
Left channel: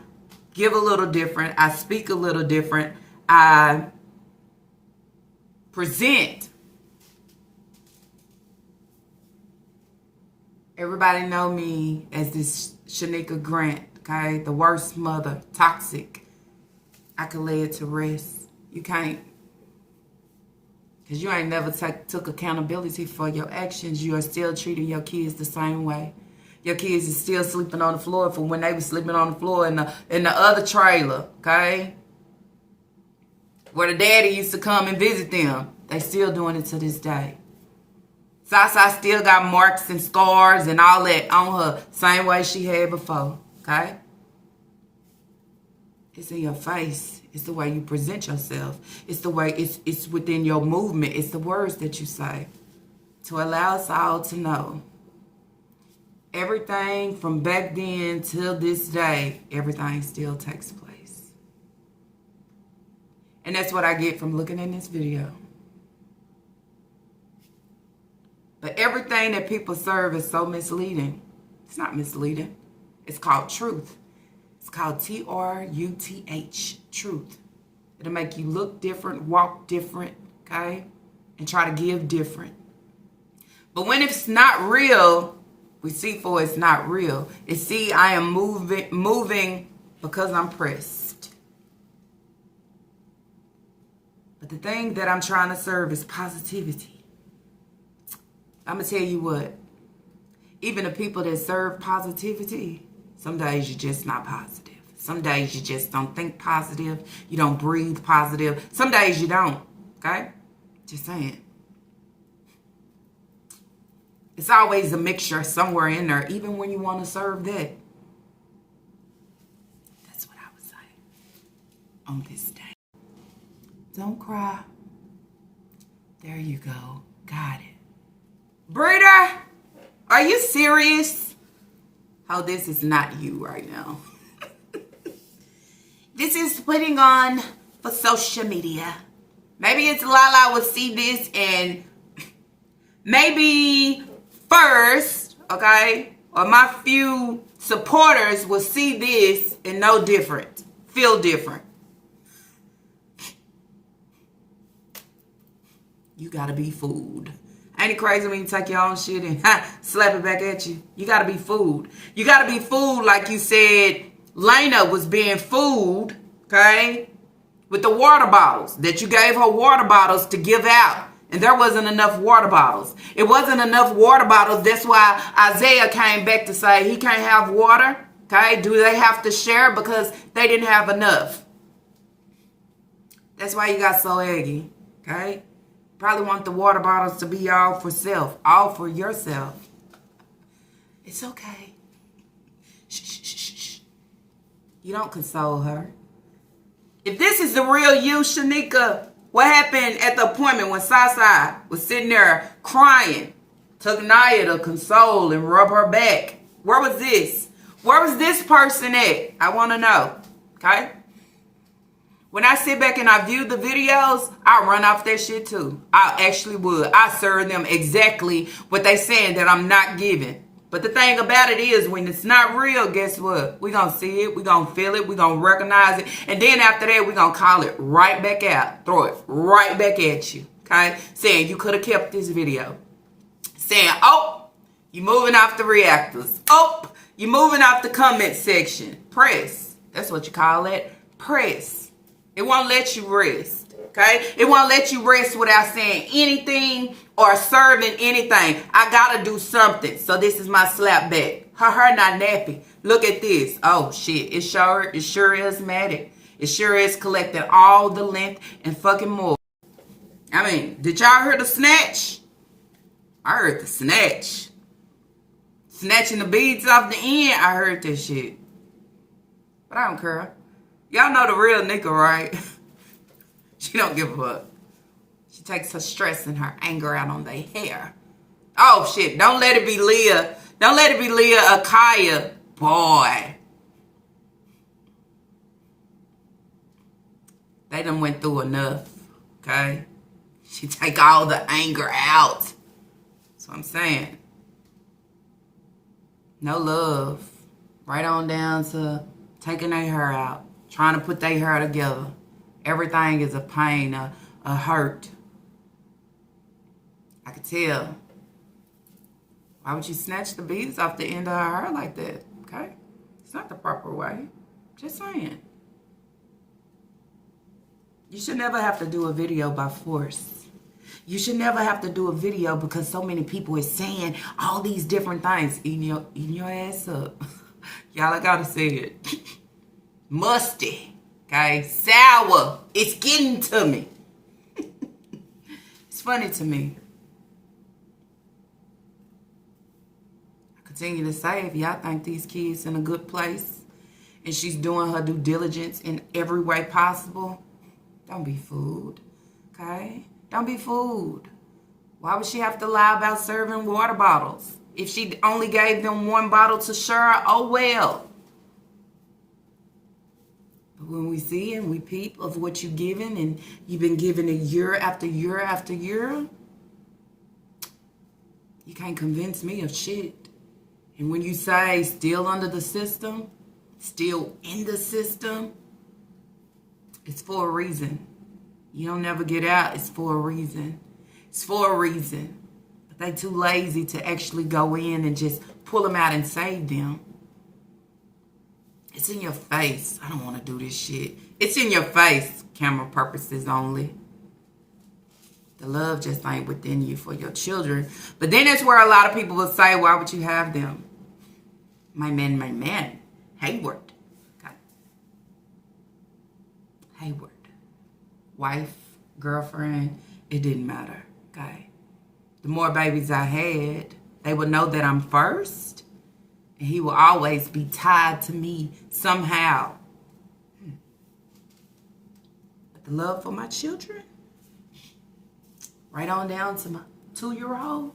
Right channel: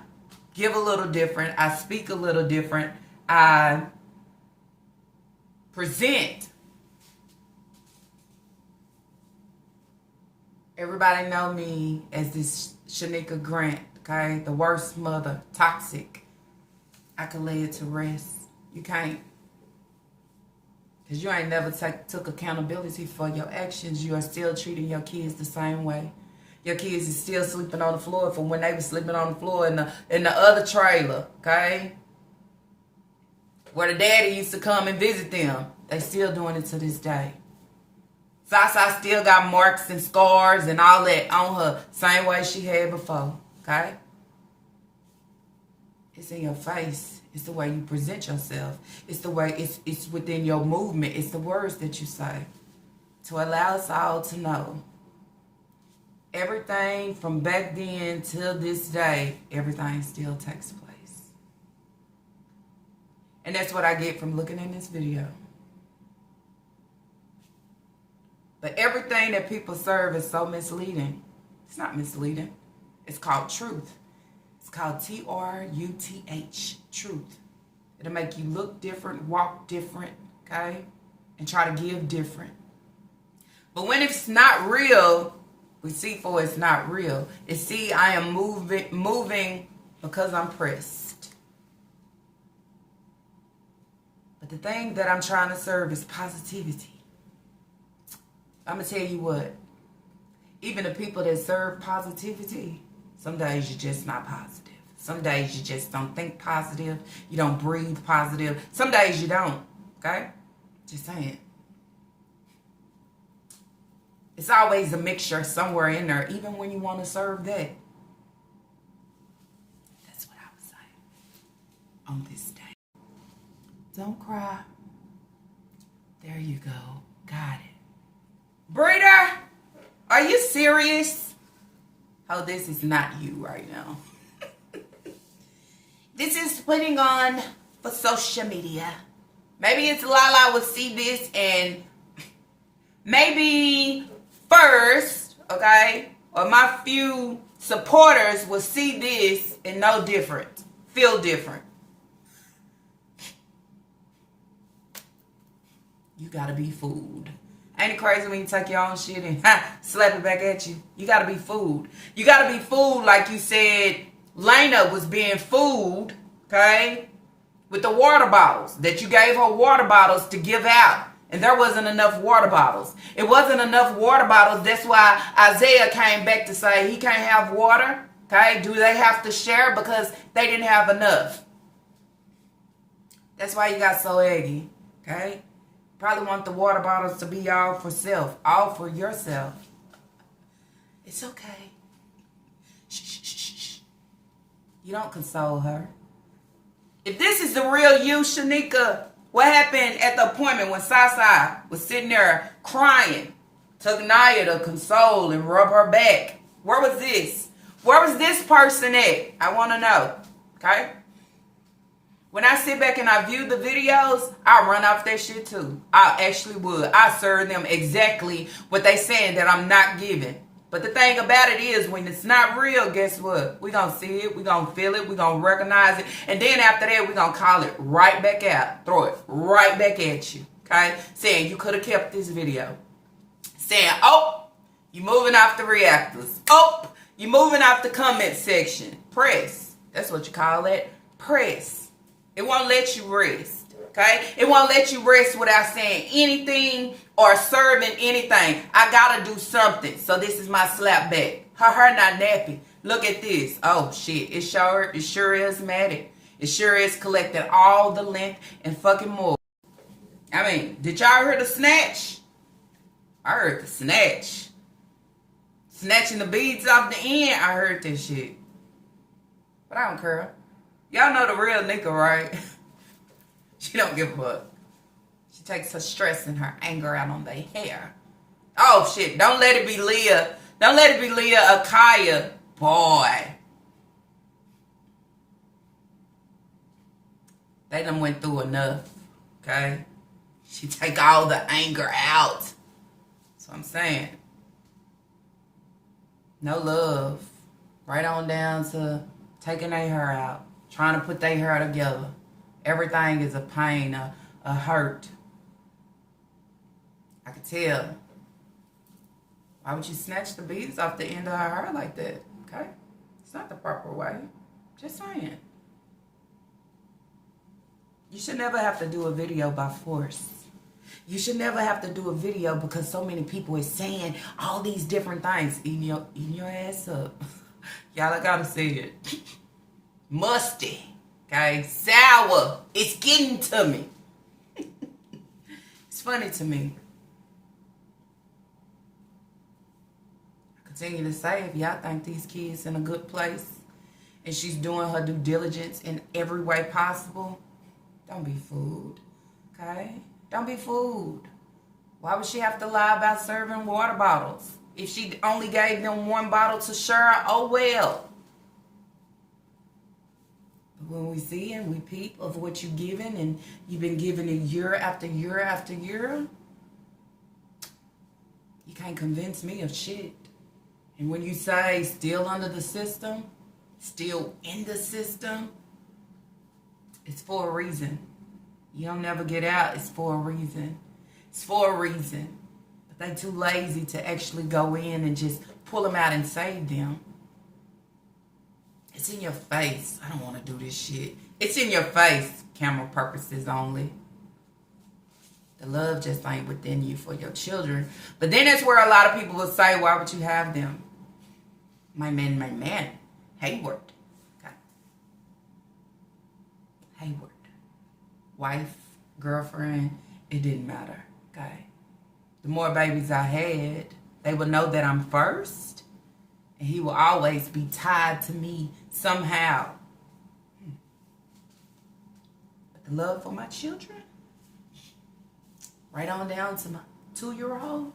give a little different, I speak a little different, I present. Everybody know me as this Shanika Grant, okay? The worst mother, toxic. I can lay it to rest. You can't. Because you ain't never took accountability for your actions. You are still treating your kids the same way. Your kids is still sleeping on the floor from when they were sleeping on the floor in the other trailer, okay? Where the daddy used to come and visit them. They still doing it to this day. Sasa still got marks and scars and all that on her, same way she had before, okay? It's in your face. It's the way you present yourself. It's the way, it's within your movement. It's the words that you say to allow us all to know. Everything from back then till this day, everything still takes place. And that's what I get from looking in this video. But everything that people serve is so misleading. It's not misleading. It's called truth. It's called Truth. Truth. It'll make you look different, walk different, okay? And try to give different. But when it's not real, we see for it's not real. It's see, I am moving because I'm pressed. But the thing that I'm trying to serve is positivity. I'm going to tell you what. Even the people that serve positivity, some days you're just not positive. Some days you just don't think positive. You don't breathe positive. Some days you don't. Okay? Just saying. It's always a mixture somewhere in there, even when you want to serve that. That's what I was saying on this day. Don't cry. There you go. Got it. Breeder, are you serious? Oh, this is not you right now. This is putting on for social media. Maybe it's Lala will see this and maybe first, okay, or my few supporters will see this and know different, feel different. You gotta be fooled. Ain't it crazy when you take your own shit and slap it back at you? You gotta be fooled. You gotta be fooled like you said Lena was being fooled, okay, with the water bottles, that you gave her water bottles to give out. And there wasn't enough water bottles. It wasn't enough water bottles. That's why Isaiah came back to say he can't have water, okay? Do they have to share? Because they didn't have enough. That's why you got so eggy, okay? Probably want the water bottles to be all for self, all for yourself. It's okay. Shh. You don't console her. If this is the real you, Shanika, what happened at the appointment when Sasa was sitting there crying? Took Naya to console and rub her back. Where was this? Where was this person at? I want to know. Okay? When I sit back and I view the videos, I run off that shit too. I actually would. I serve them exactly what they saying that I'm not giving. But the thing about it is, when it's not real, guess what? We're going to see it. We're going to feel it. We're going to recognize it. And then after that, we're going to call it right back out. Throw it right back at you. Okay? Saying you could have kept this video. Saying, oh, you moving off the reactors. Oh, you moving off the comment section. Press. That's what you call it. Press. It won't let you rest. Okay? It won't let you rest without saying anything or serving anything. I gotta do something. So this is my slap back. Her hair not nappy. Look at this. Oh shit. It sure is matted. It sure is collecting all the length and fucking more. I mean, did y'all hear the snatch? I heard the snatch. Snatching the beads off the end. I heard this shit. But I don't care. Y'all know the real nigga, right? She don't give a fuck. She takes her stress and her anger out on their hair. Oh, shit. Don't let it be Leah. Don't let it be Leah Akaya. Boy. They done went through enough. Okay? She take all the anger out. That's what I'm saying. No love. Right on down to taking their hair out. Trying to put their hair together. Everything is a pain, a hurt. I could tell. Why would you snatch the beads off the end of her hair like that? Okay? It's not the proper way. Just saying. You should never have to do a video by force. You should never have to do a video because so many people is saying all these different things. Eating your ass up. Y'all, I gotta say it. Musty. Okay, sour. It's getting to me. It's funny to me. I continue to say, if y'all think these kids in a good place and she's doing her due diligence in every way possible, don't be fooled. Okay? Don't be fooled. Why would she have to lie about serving water bottles? If she only gave them one bottle to share, oh well. When we see and we peep of what you're giving and you've been giving it year after year after year, you can't convince me of shit. And when you say still under the system, still in the system, it's for a reason. You don't never get out, it's for a reason. It's for a reason. But they too lazy to actually go in and just pull them out and save them. It's in your face. I don't want to do this shit. It's in your face. Camera purposes only. The love just ain't within you for your children. But then that's where a lot of people will say, why would you have them? My man, Hayward. Okay. Hayward. Wife, girlfriend, it didn't matter. Okay. The more babies I had, they would know that I'm first. And he will always be tied to me somehow. But the love for my children, right on down to my 2-year-old.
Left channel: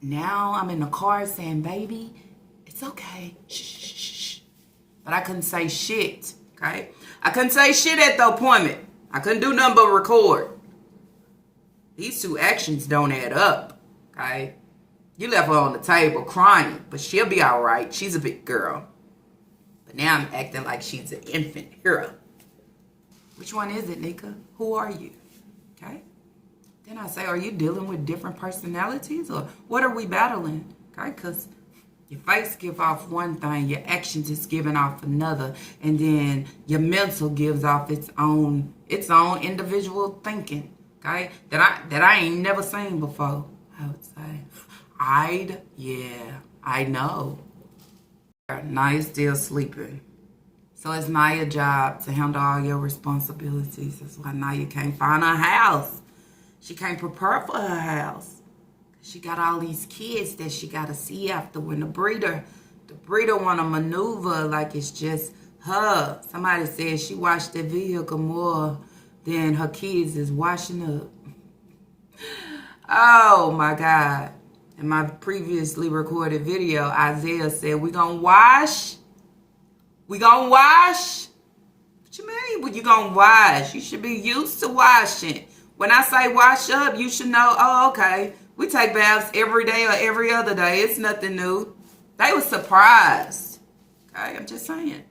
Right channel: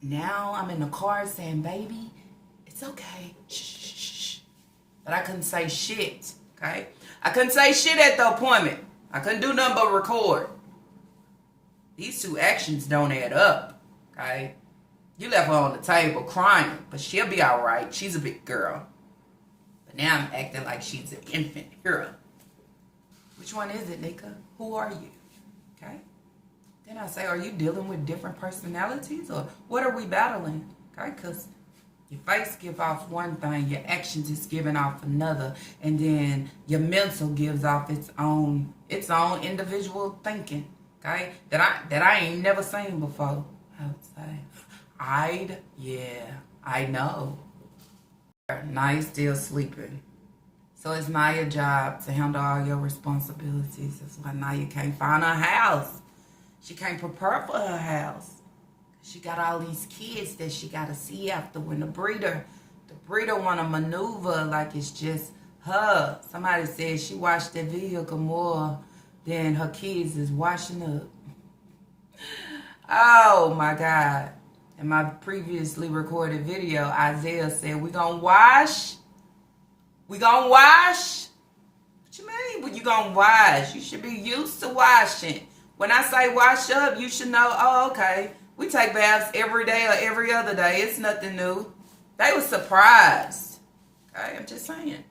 Now I'm in the car saying, baby, it's okay. Shh. But I couldn't say shit, okay? I couldn't say shit at the appointment. I couldn't do nothing but record. These 2 actions don't add up, okay? You left her on the table crying, but she'll be all right. She's a big girl. But now I'm acting like she's an infant hero. Which one is it, Nika? Who are you? Okay? Then I say, are you dealing with different personalities? Or what are we battling? Okay? Because your face give off one thing, your actions is giving off another, and then your mental gives off its own individual thinking. Okay? That I ain't never seen before, I would say. I know. Naya's still sleeping. So it's Naya's job to handle all your responsibilities. That's why Naya can't find her house. She can't prepare for her house. She got all these kids that she got to see after when the breeder want to maneuver like it's just her. Somebody said she washed the vehicle more than her kids is washing up. Oh, my God. In my previously recorded video, Isaiah said, we gonna wash? We gonna wash? What you mean, well, you gonna wash? You should be used to washing. When I say wash up, you should know, oh, okay. We take baths every day or every other day. It's nothing new. They were surprised. Okay, I'm just saying.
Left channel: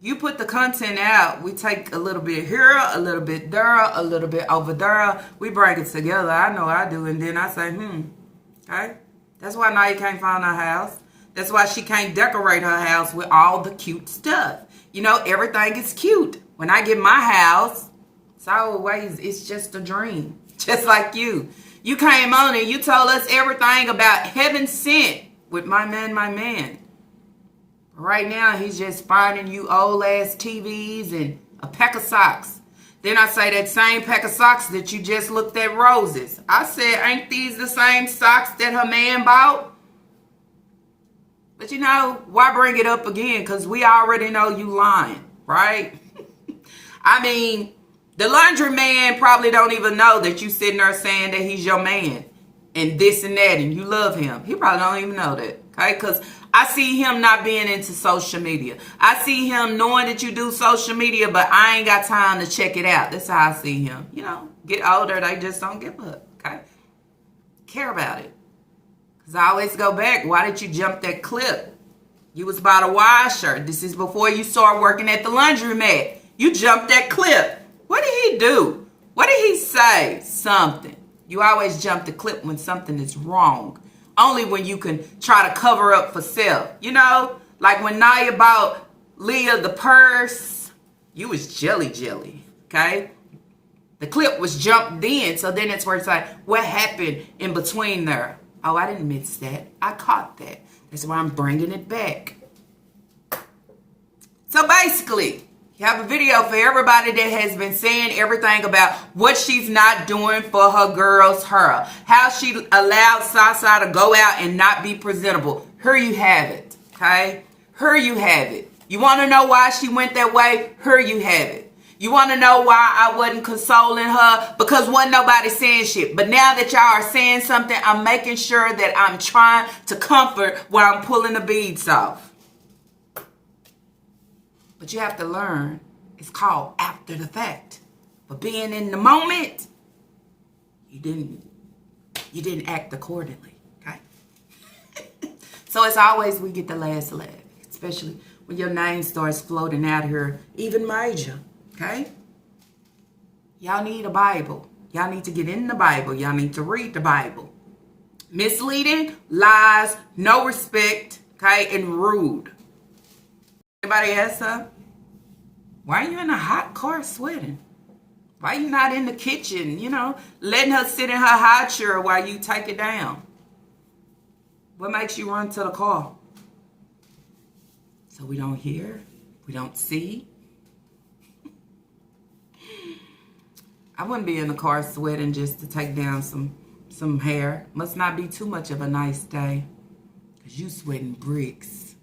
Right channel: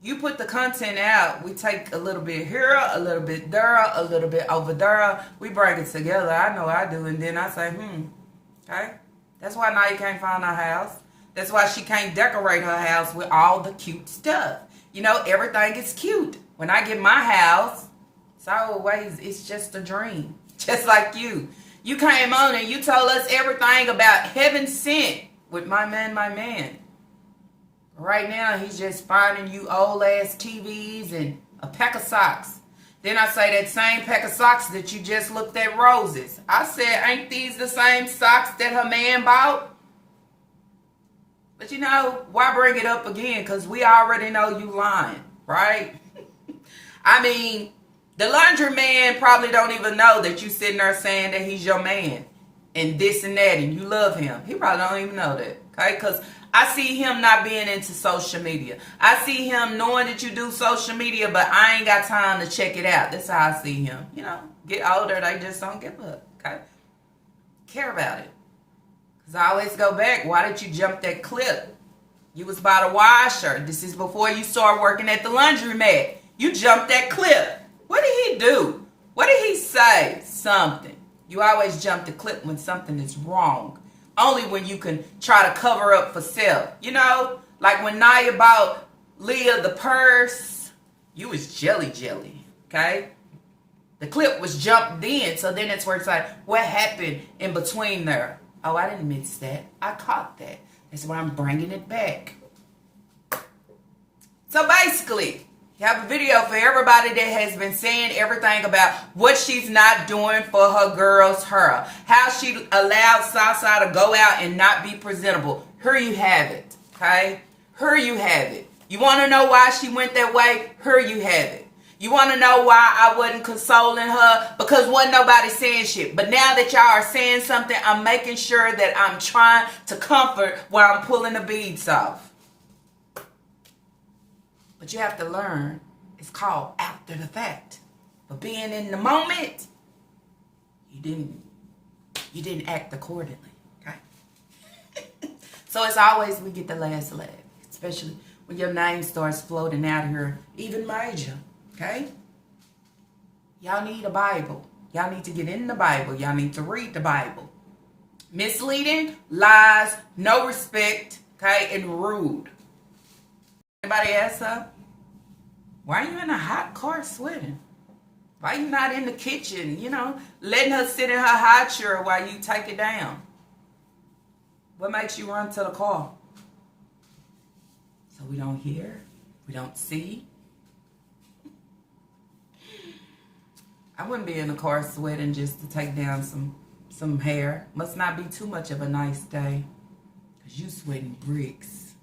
You put the content out. We take a little bit here, a little bit there, a little bit over there. We bring it together. I know I do. And then I say, okay. That's why Naya can't find her house. That's why she can't decorate her house with all the cute stuff. You know, everything is cute. When I get my house, it's always, it's just a dream. Just like you. You came on and you told us everything about heaven sent with my man. Right now, he's just finding you old ass TVs and a pack of socks. Then I say that same pack of socks that you just looked at roses. I said, ain't these the same socks that her man bought? But you know, why bring it up again? Because we already know you lying, right? I mean, the laundry man probably don't even know that you sitting there saying that he's your man and this and that and you love him. He probably don't even know that, okay? Because I see him not being into social media. I see him knowing that you do social media, but I ain't got time to check it out. That's how I see him. You know, get older, they just don't give up, okay? Care about it. Because I always go back, why did you jump that clip? You was by the washer. This is before you start working at the laundromat. You jumped that clip. What did he do? What did he say? Something. You always jump the clip when something is wrong. Only when you can try to cover up for self. You know, like when Naya bought Leah the purse, you was jelly, okay? The clip was jumped in, so then it's where it's like, what happened in between there? Oh, I didn't miss that. I caught that. That's why I'm bringing it back. So basically, you have a video for everybody that has been saying everything about what she's not doing for her girl's hair. How she allowed Sasa to go out and not be presentable. Here you have it, okay? Here you have it. You want to know why she went that way? Here you have it. You want to know why I wasn't consoling her? Because wasn't nobody saying shit. But now that y'all are saying something, I'm making sure that I'm trying to comfort while I'm pulling the beads off. But you have to learn, it's called after the fact. But being in the moment, you didn't act accordingly, okay? So it's always we get the last laugh, especially when your name starts floating out here, even major, okay? Y'all need a Bible. Y'all need to get in the Bible. Y'all need to read the Bible. Misleading, lies, no respect, okay, and rude. Anybody else up? Why are you in a hot car sweating? Why you not in the kitchen, letting her sit in her high chair while you take it down? What makes you run to the car? So we don't hear, we don't see. I wouldn't be in the car sweating just to take down some hair. Must not be too much of a nice day. Because you sweating bricks.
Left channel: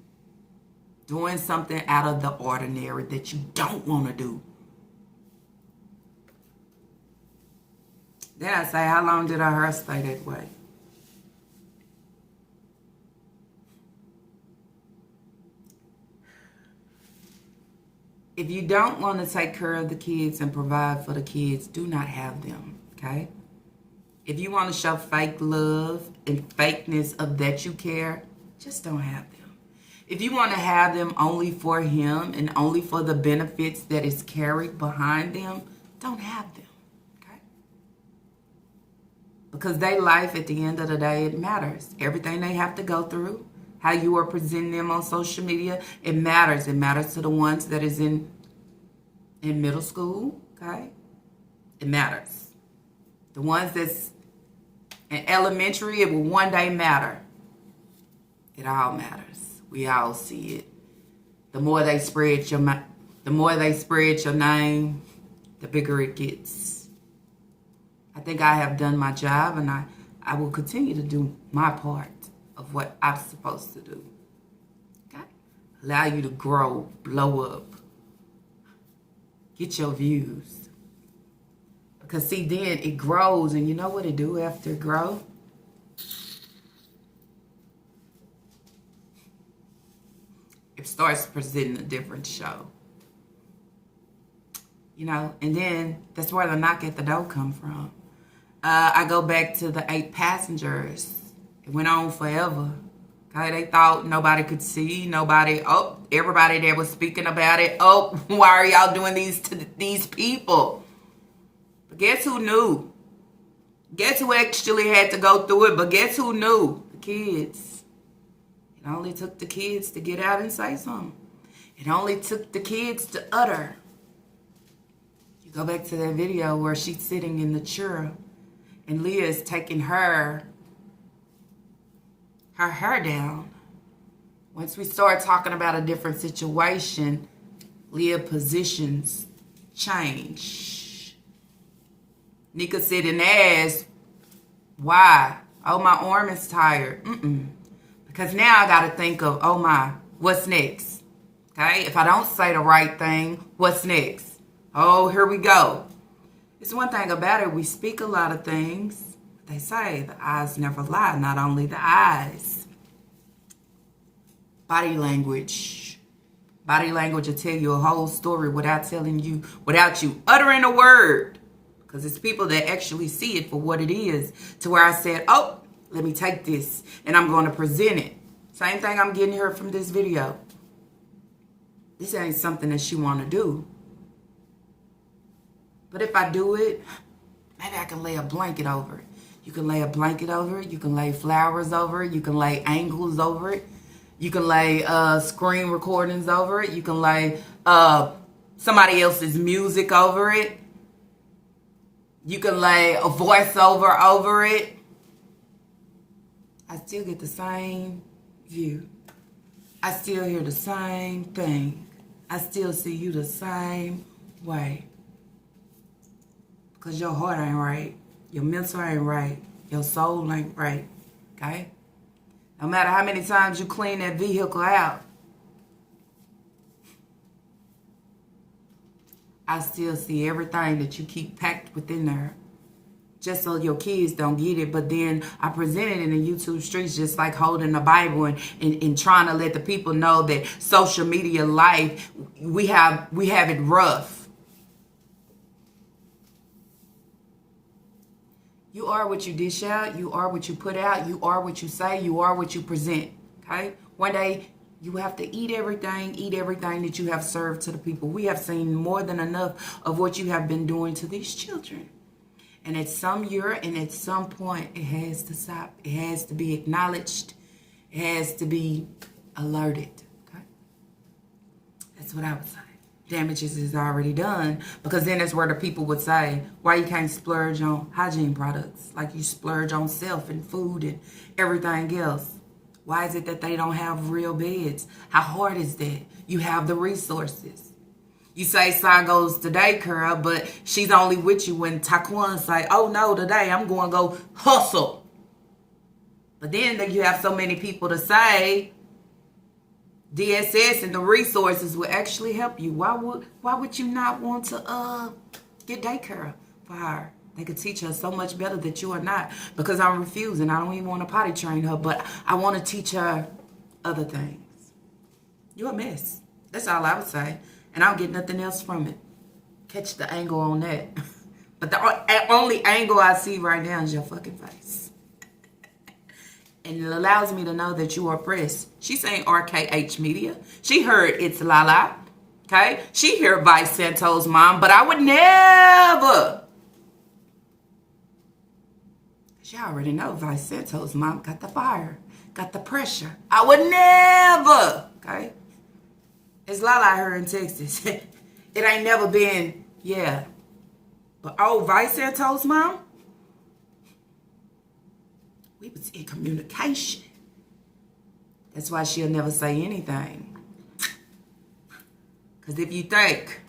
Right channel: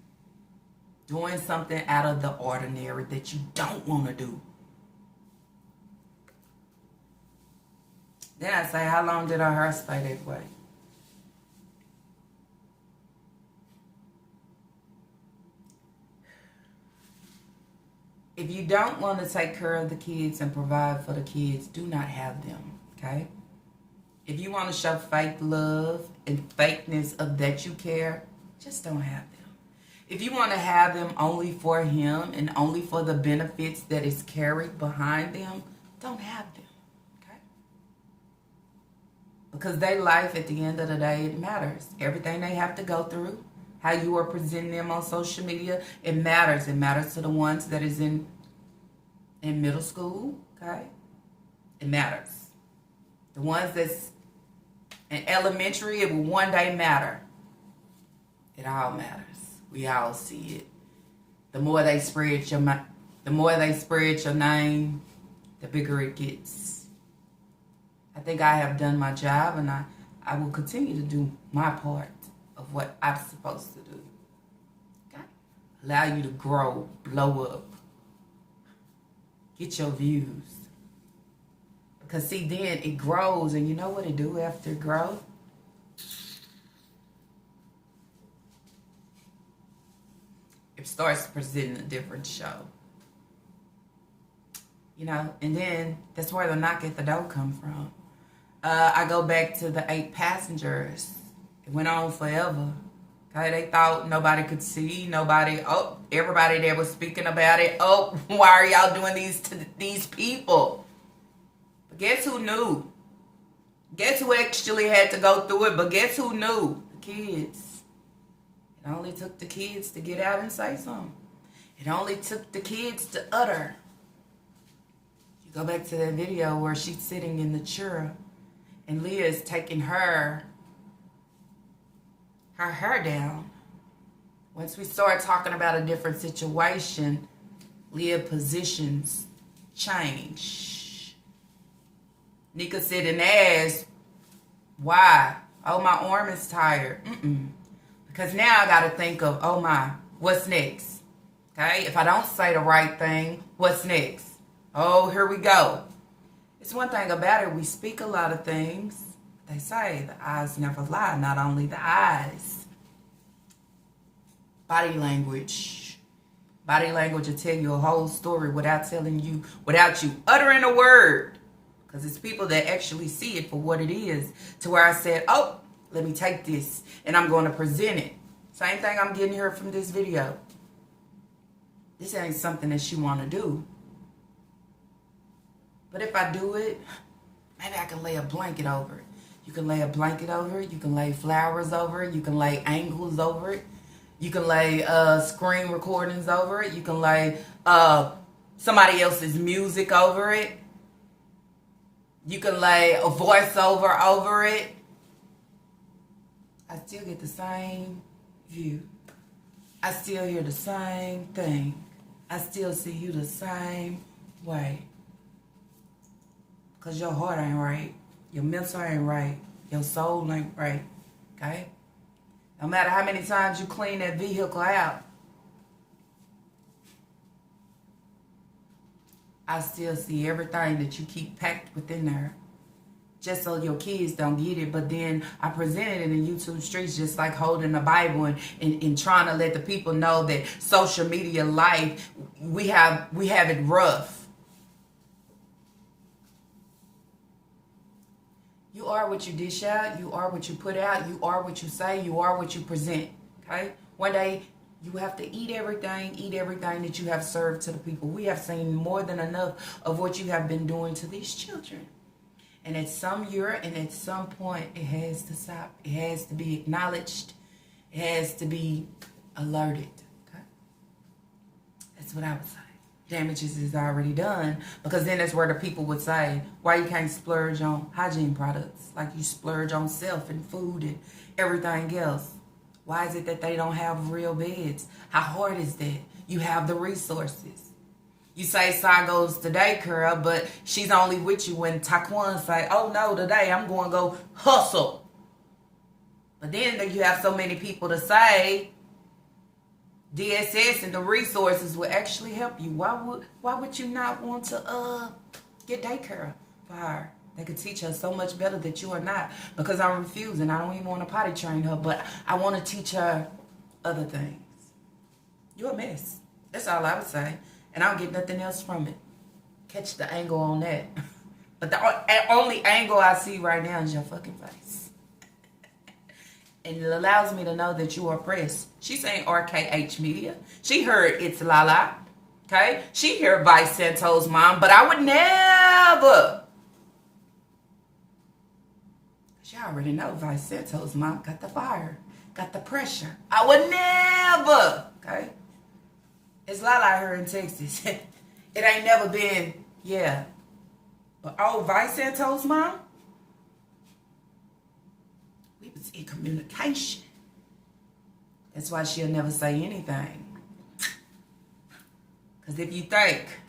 Doing something out of the ordinary that you don't want to do. Then I say, how long did her hair stay that way? If you don't want to take care of the kids and provide for the kids, do not have them, okay? If you want to show fake love and fakeness of that you care, just don't have them. If you want to have them only for him and only for the benefits that is carried behind them, don't have them, okay? Because their life, at the end of the day, it matters. Everything they have to go through, how you are presenting them on social media, it matters. It matters to the ones that is in middle school, okay? It matters. The ones that's in elementary, it will one day matter. It all matters. We all see it. The more they spread your name, the bigger it gets. I think I have done my job, and I will continue to do my part of what I'm supposed to do. Okay? Allow you to grow, blow up. Get your views. Because see, then it grows, and you know what it do after it grows? It starts presenting a different show. And then that's where the knock at the door come from. I go back to the 8 passengers. It went on forever. Okay, they thought nobody could see, everybody there was speaking about it. Why are y'all doing these to these people? But guess who knew? Guess who actually had to go through it? But guess who knew? The kids. It only took the kids to get out and say something. It only took the kids to utter. You go back to that video where she's sitting in the chair and Leah is taking her hair down. Once we start talking about a different situation, Leah positions change. Nika said and asked, why? Oh, my arm is tired. Because now I got to think of, oh my, what's next? Okay, if I don't say the right thing, what's next? Oh, here we go. It's one thing about it, we speak a lot of things. They say the eyes never lie, not only the eyes. Body language. Body language will tell you a whole story without you uttering a word. Because it's people that actually see it for what it is. To where I said, oh, let me take this and I'm going to present it. Same thing I'm getting here from this video. This ain't something that she want to do. But if I do it, maybe I can lay a blanket over it. You can lay a blanket over it. You can lay flowers over it. You can lay angles over it. You can lay screen recordings over it. You can lay somebody else's music over it. You can lay a voiceover over it. I still get the same view. I still hear the same thing. I still see you the same way. Because your heart ain't right. Your mental ain't right. Your soul ain't right. Okay? No matter how many times you clean that vehicle out, I still see everything that you keep packed within there. Just so your kids don't get it. But then I present it in the YouTube streets just like holding the Bible and trying to let the people know that social media life, we have it rough. You are what you dish out. You are what you put out. You are what you say. You are what you present. Okay? One day, you have to eat everything that you have served to the people. We have seen more than enough of what you have been doing to these children. And at some year and at some point, it has to stop. It has to be acknowledged. It has to be alerted. Okay? That's what I would say. damages is already done. Because then that's where the people would say, why you can't splurge on hygiene products like you splurge on self and food and everything else? Why is it that they don't have real beds? How hard is that? You have the resources. You say Sai goes to daycare, but she's only with you when Taquan say, oh no, today I'm going to go hustle. But then you have so many people to say DSS and the resources will actually help you. Why would you not want to get daycare for her? They could teach her so much better that you are not. Because I'm refusing. I don't even want to potty train her, but I want to teach her other things. You're a mess. That's all I would say. And I don't get nothing else from it. Catch the angle on that. But the only angle I see right now is your fucking face. And it allows me to know that you are oppressed. She's saying RKH Media. She heard It's Lala. Okay? She heard Vice Santo's mom. But I would never. She already know Vice Santo's mom got the fire. Got the pressure. I would never. Okay? It's Lala here in Texas. It ain't never been, yeah. But oh, Vice Santo's mom? We was in communication. That's why she'll never say anything. Because if you think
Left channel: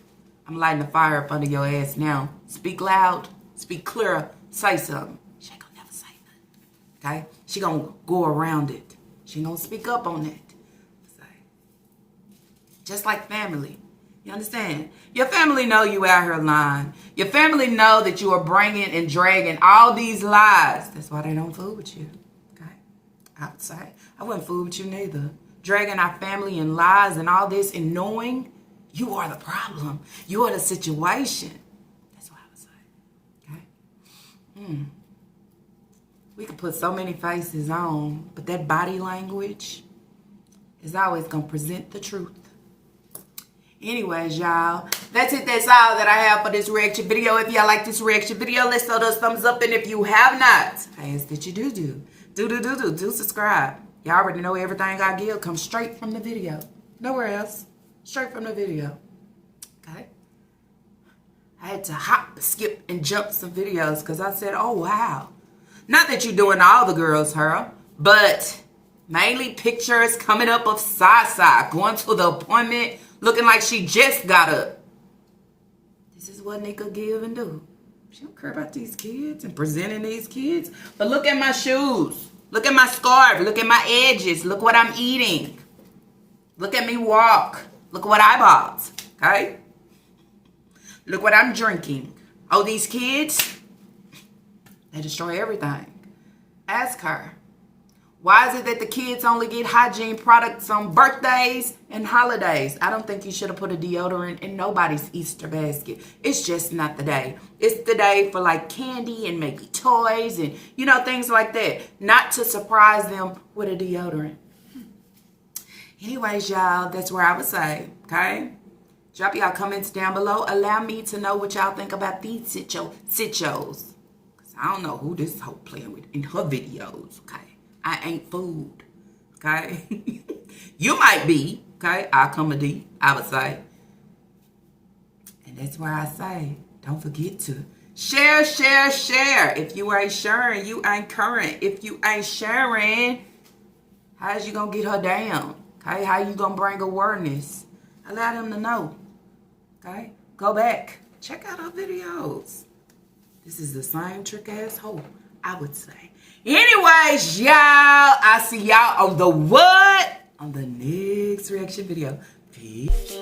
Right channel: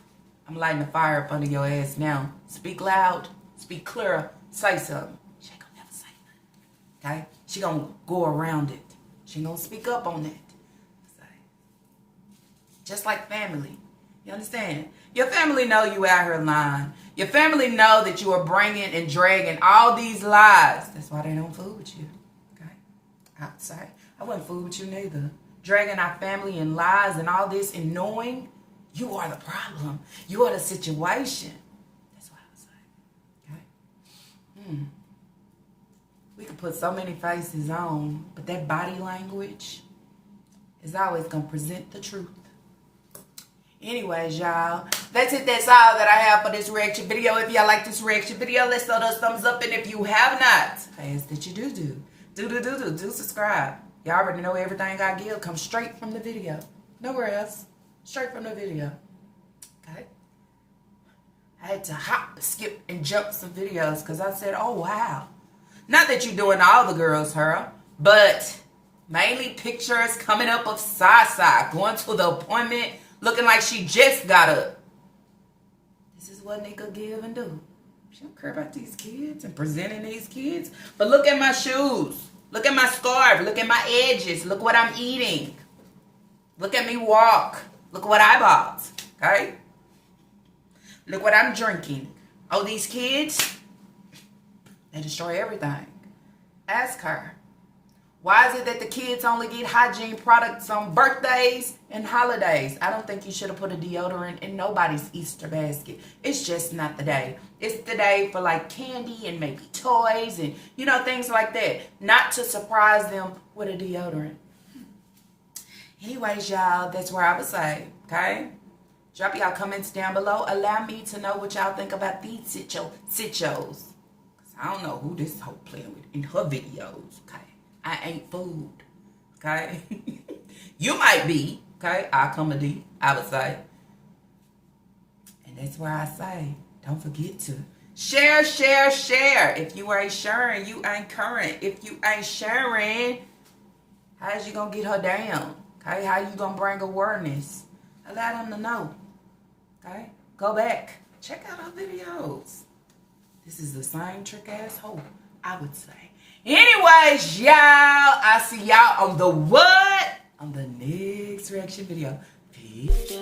I'm lighting a fire up under your ass now, speak loud, speak clear, say something. She ain't gonna never say nothing. Okay? She gonna go around it. She ain't gonna speak up on it. Just like family. You understand? Your family know you out here lying. Your family know that you are bringing and dragging all these lies. That's why they don't fool with you. Okay? I would say. I wouldn't fool with you neither. Dragging our family in lies and all this and knowing you are the problem. You are the situation. That's what I would say. Okay? We could put so many faces on, but that body language is always going to present the truth. Anyways, y'all, that's it. That's all that I have for this reaction video. If y'all like this reaction video, let's throw those thumbs up. And if you have not, I ask that you do subscribe. Y'all already know everything I give comes straight from the video. Nowhere else. Straight from the video. Okay? I had to hop, skip, and jump some videos because I said, oh, wow. Not that you're doing all the girls, her, but mainly pictures coming up of Sasa going to the appointment looking like she just got up. This is what Nika give and do. She don't care about these kids and presenting these kids. But look at my shoes. Look at my scarf. Look at my edges. Look what I'm eating. Look at me walk. Look what I bought. Okay? Look what I'm drinking. Oh, these kids, they destroy everything. Ask her. Why is it that the kids only get hygiene products on birthdays and holidays? I don't think you should have put a deodorant in nobody's Easter basket. It's just not the day. It's the day for like candy and maybe toys and, you know, things like that. Not to surprise them with a deodorant. Anyways, y'all, that's where I would say, okay? Drop y'all comments down below. Allow me to know what y'all think about these sichos. Because I don't know who this hoe playing with in her videos, okay? I ain't food, okay? You might be, okay? I'll come a D, I would say. And that's why I say, don't forget to share, share, share. If you ain't sharing, you ain't current. If you ain't sharing, how's you gonna get her down? Okay? How you gonna bring awareness? Allow them to know, okay? Go back. Check out our videos. This is the same trick asshole, I would say. Anyways, y'all, I'll see y'all on the what? On the next reaction video. Peace.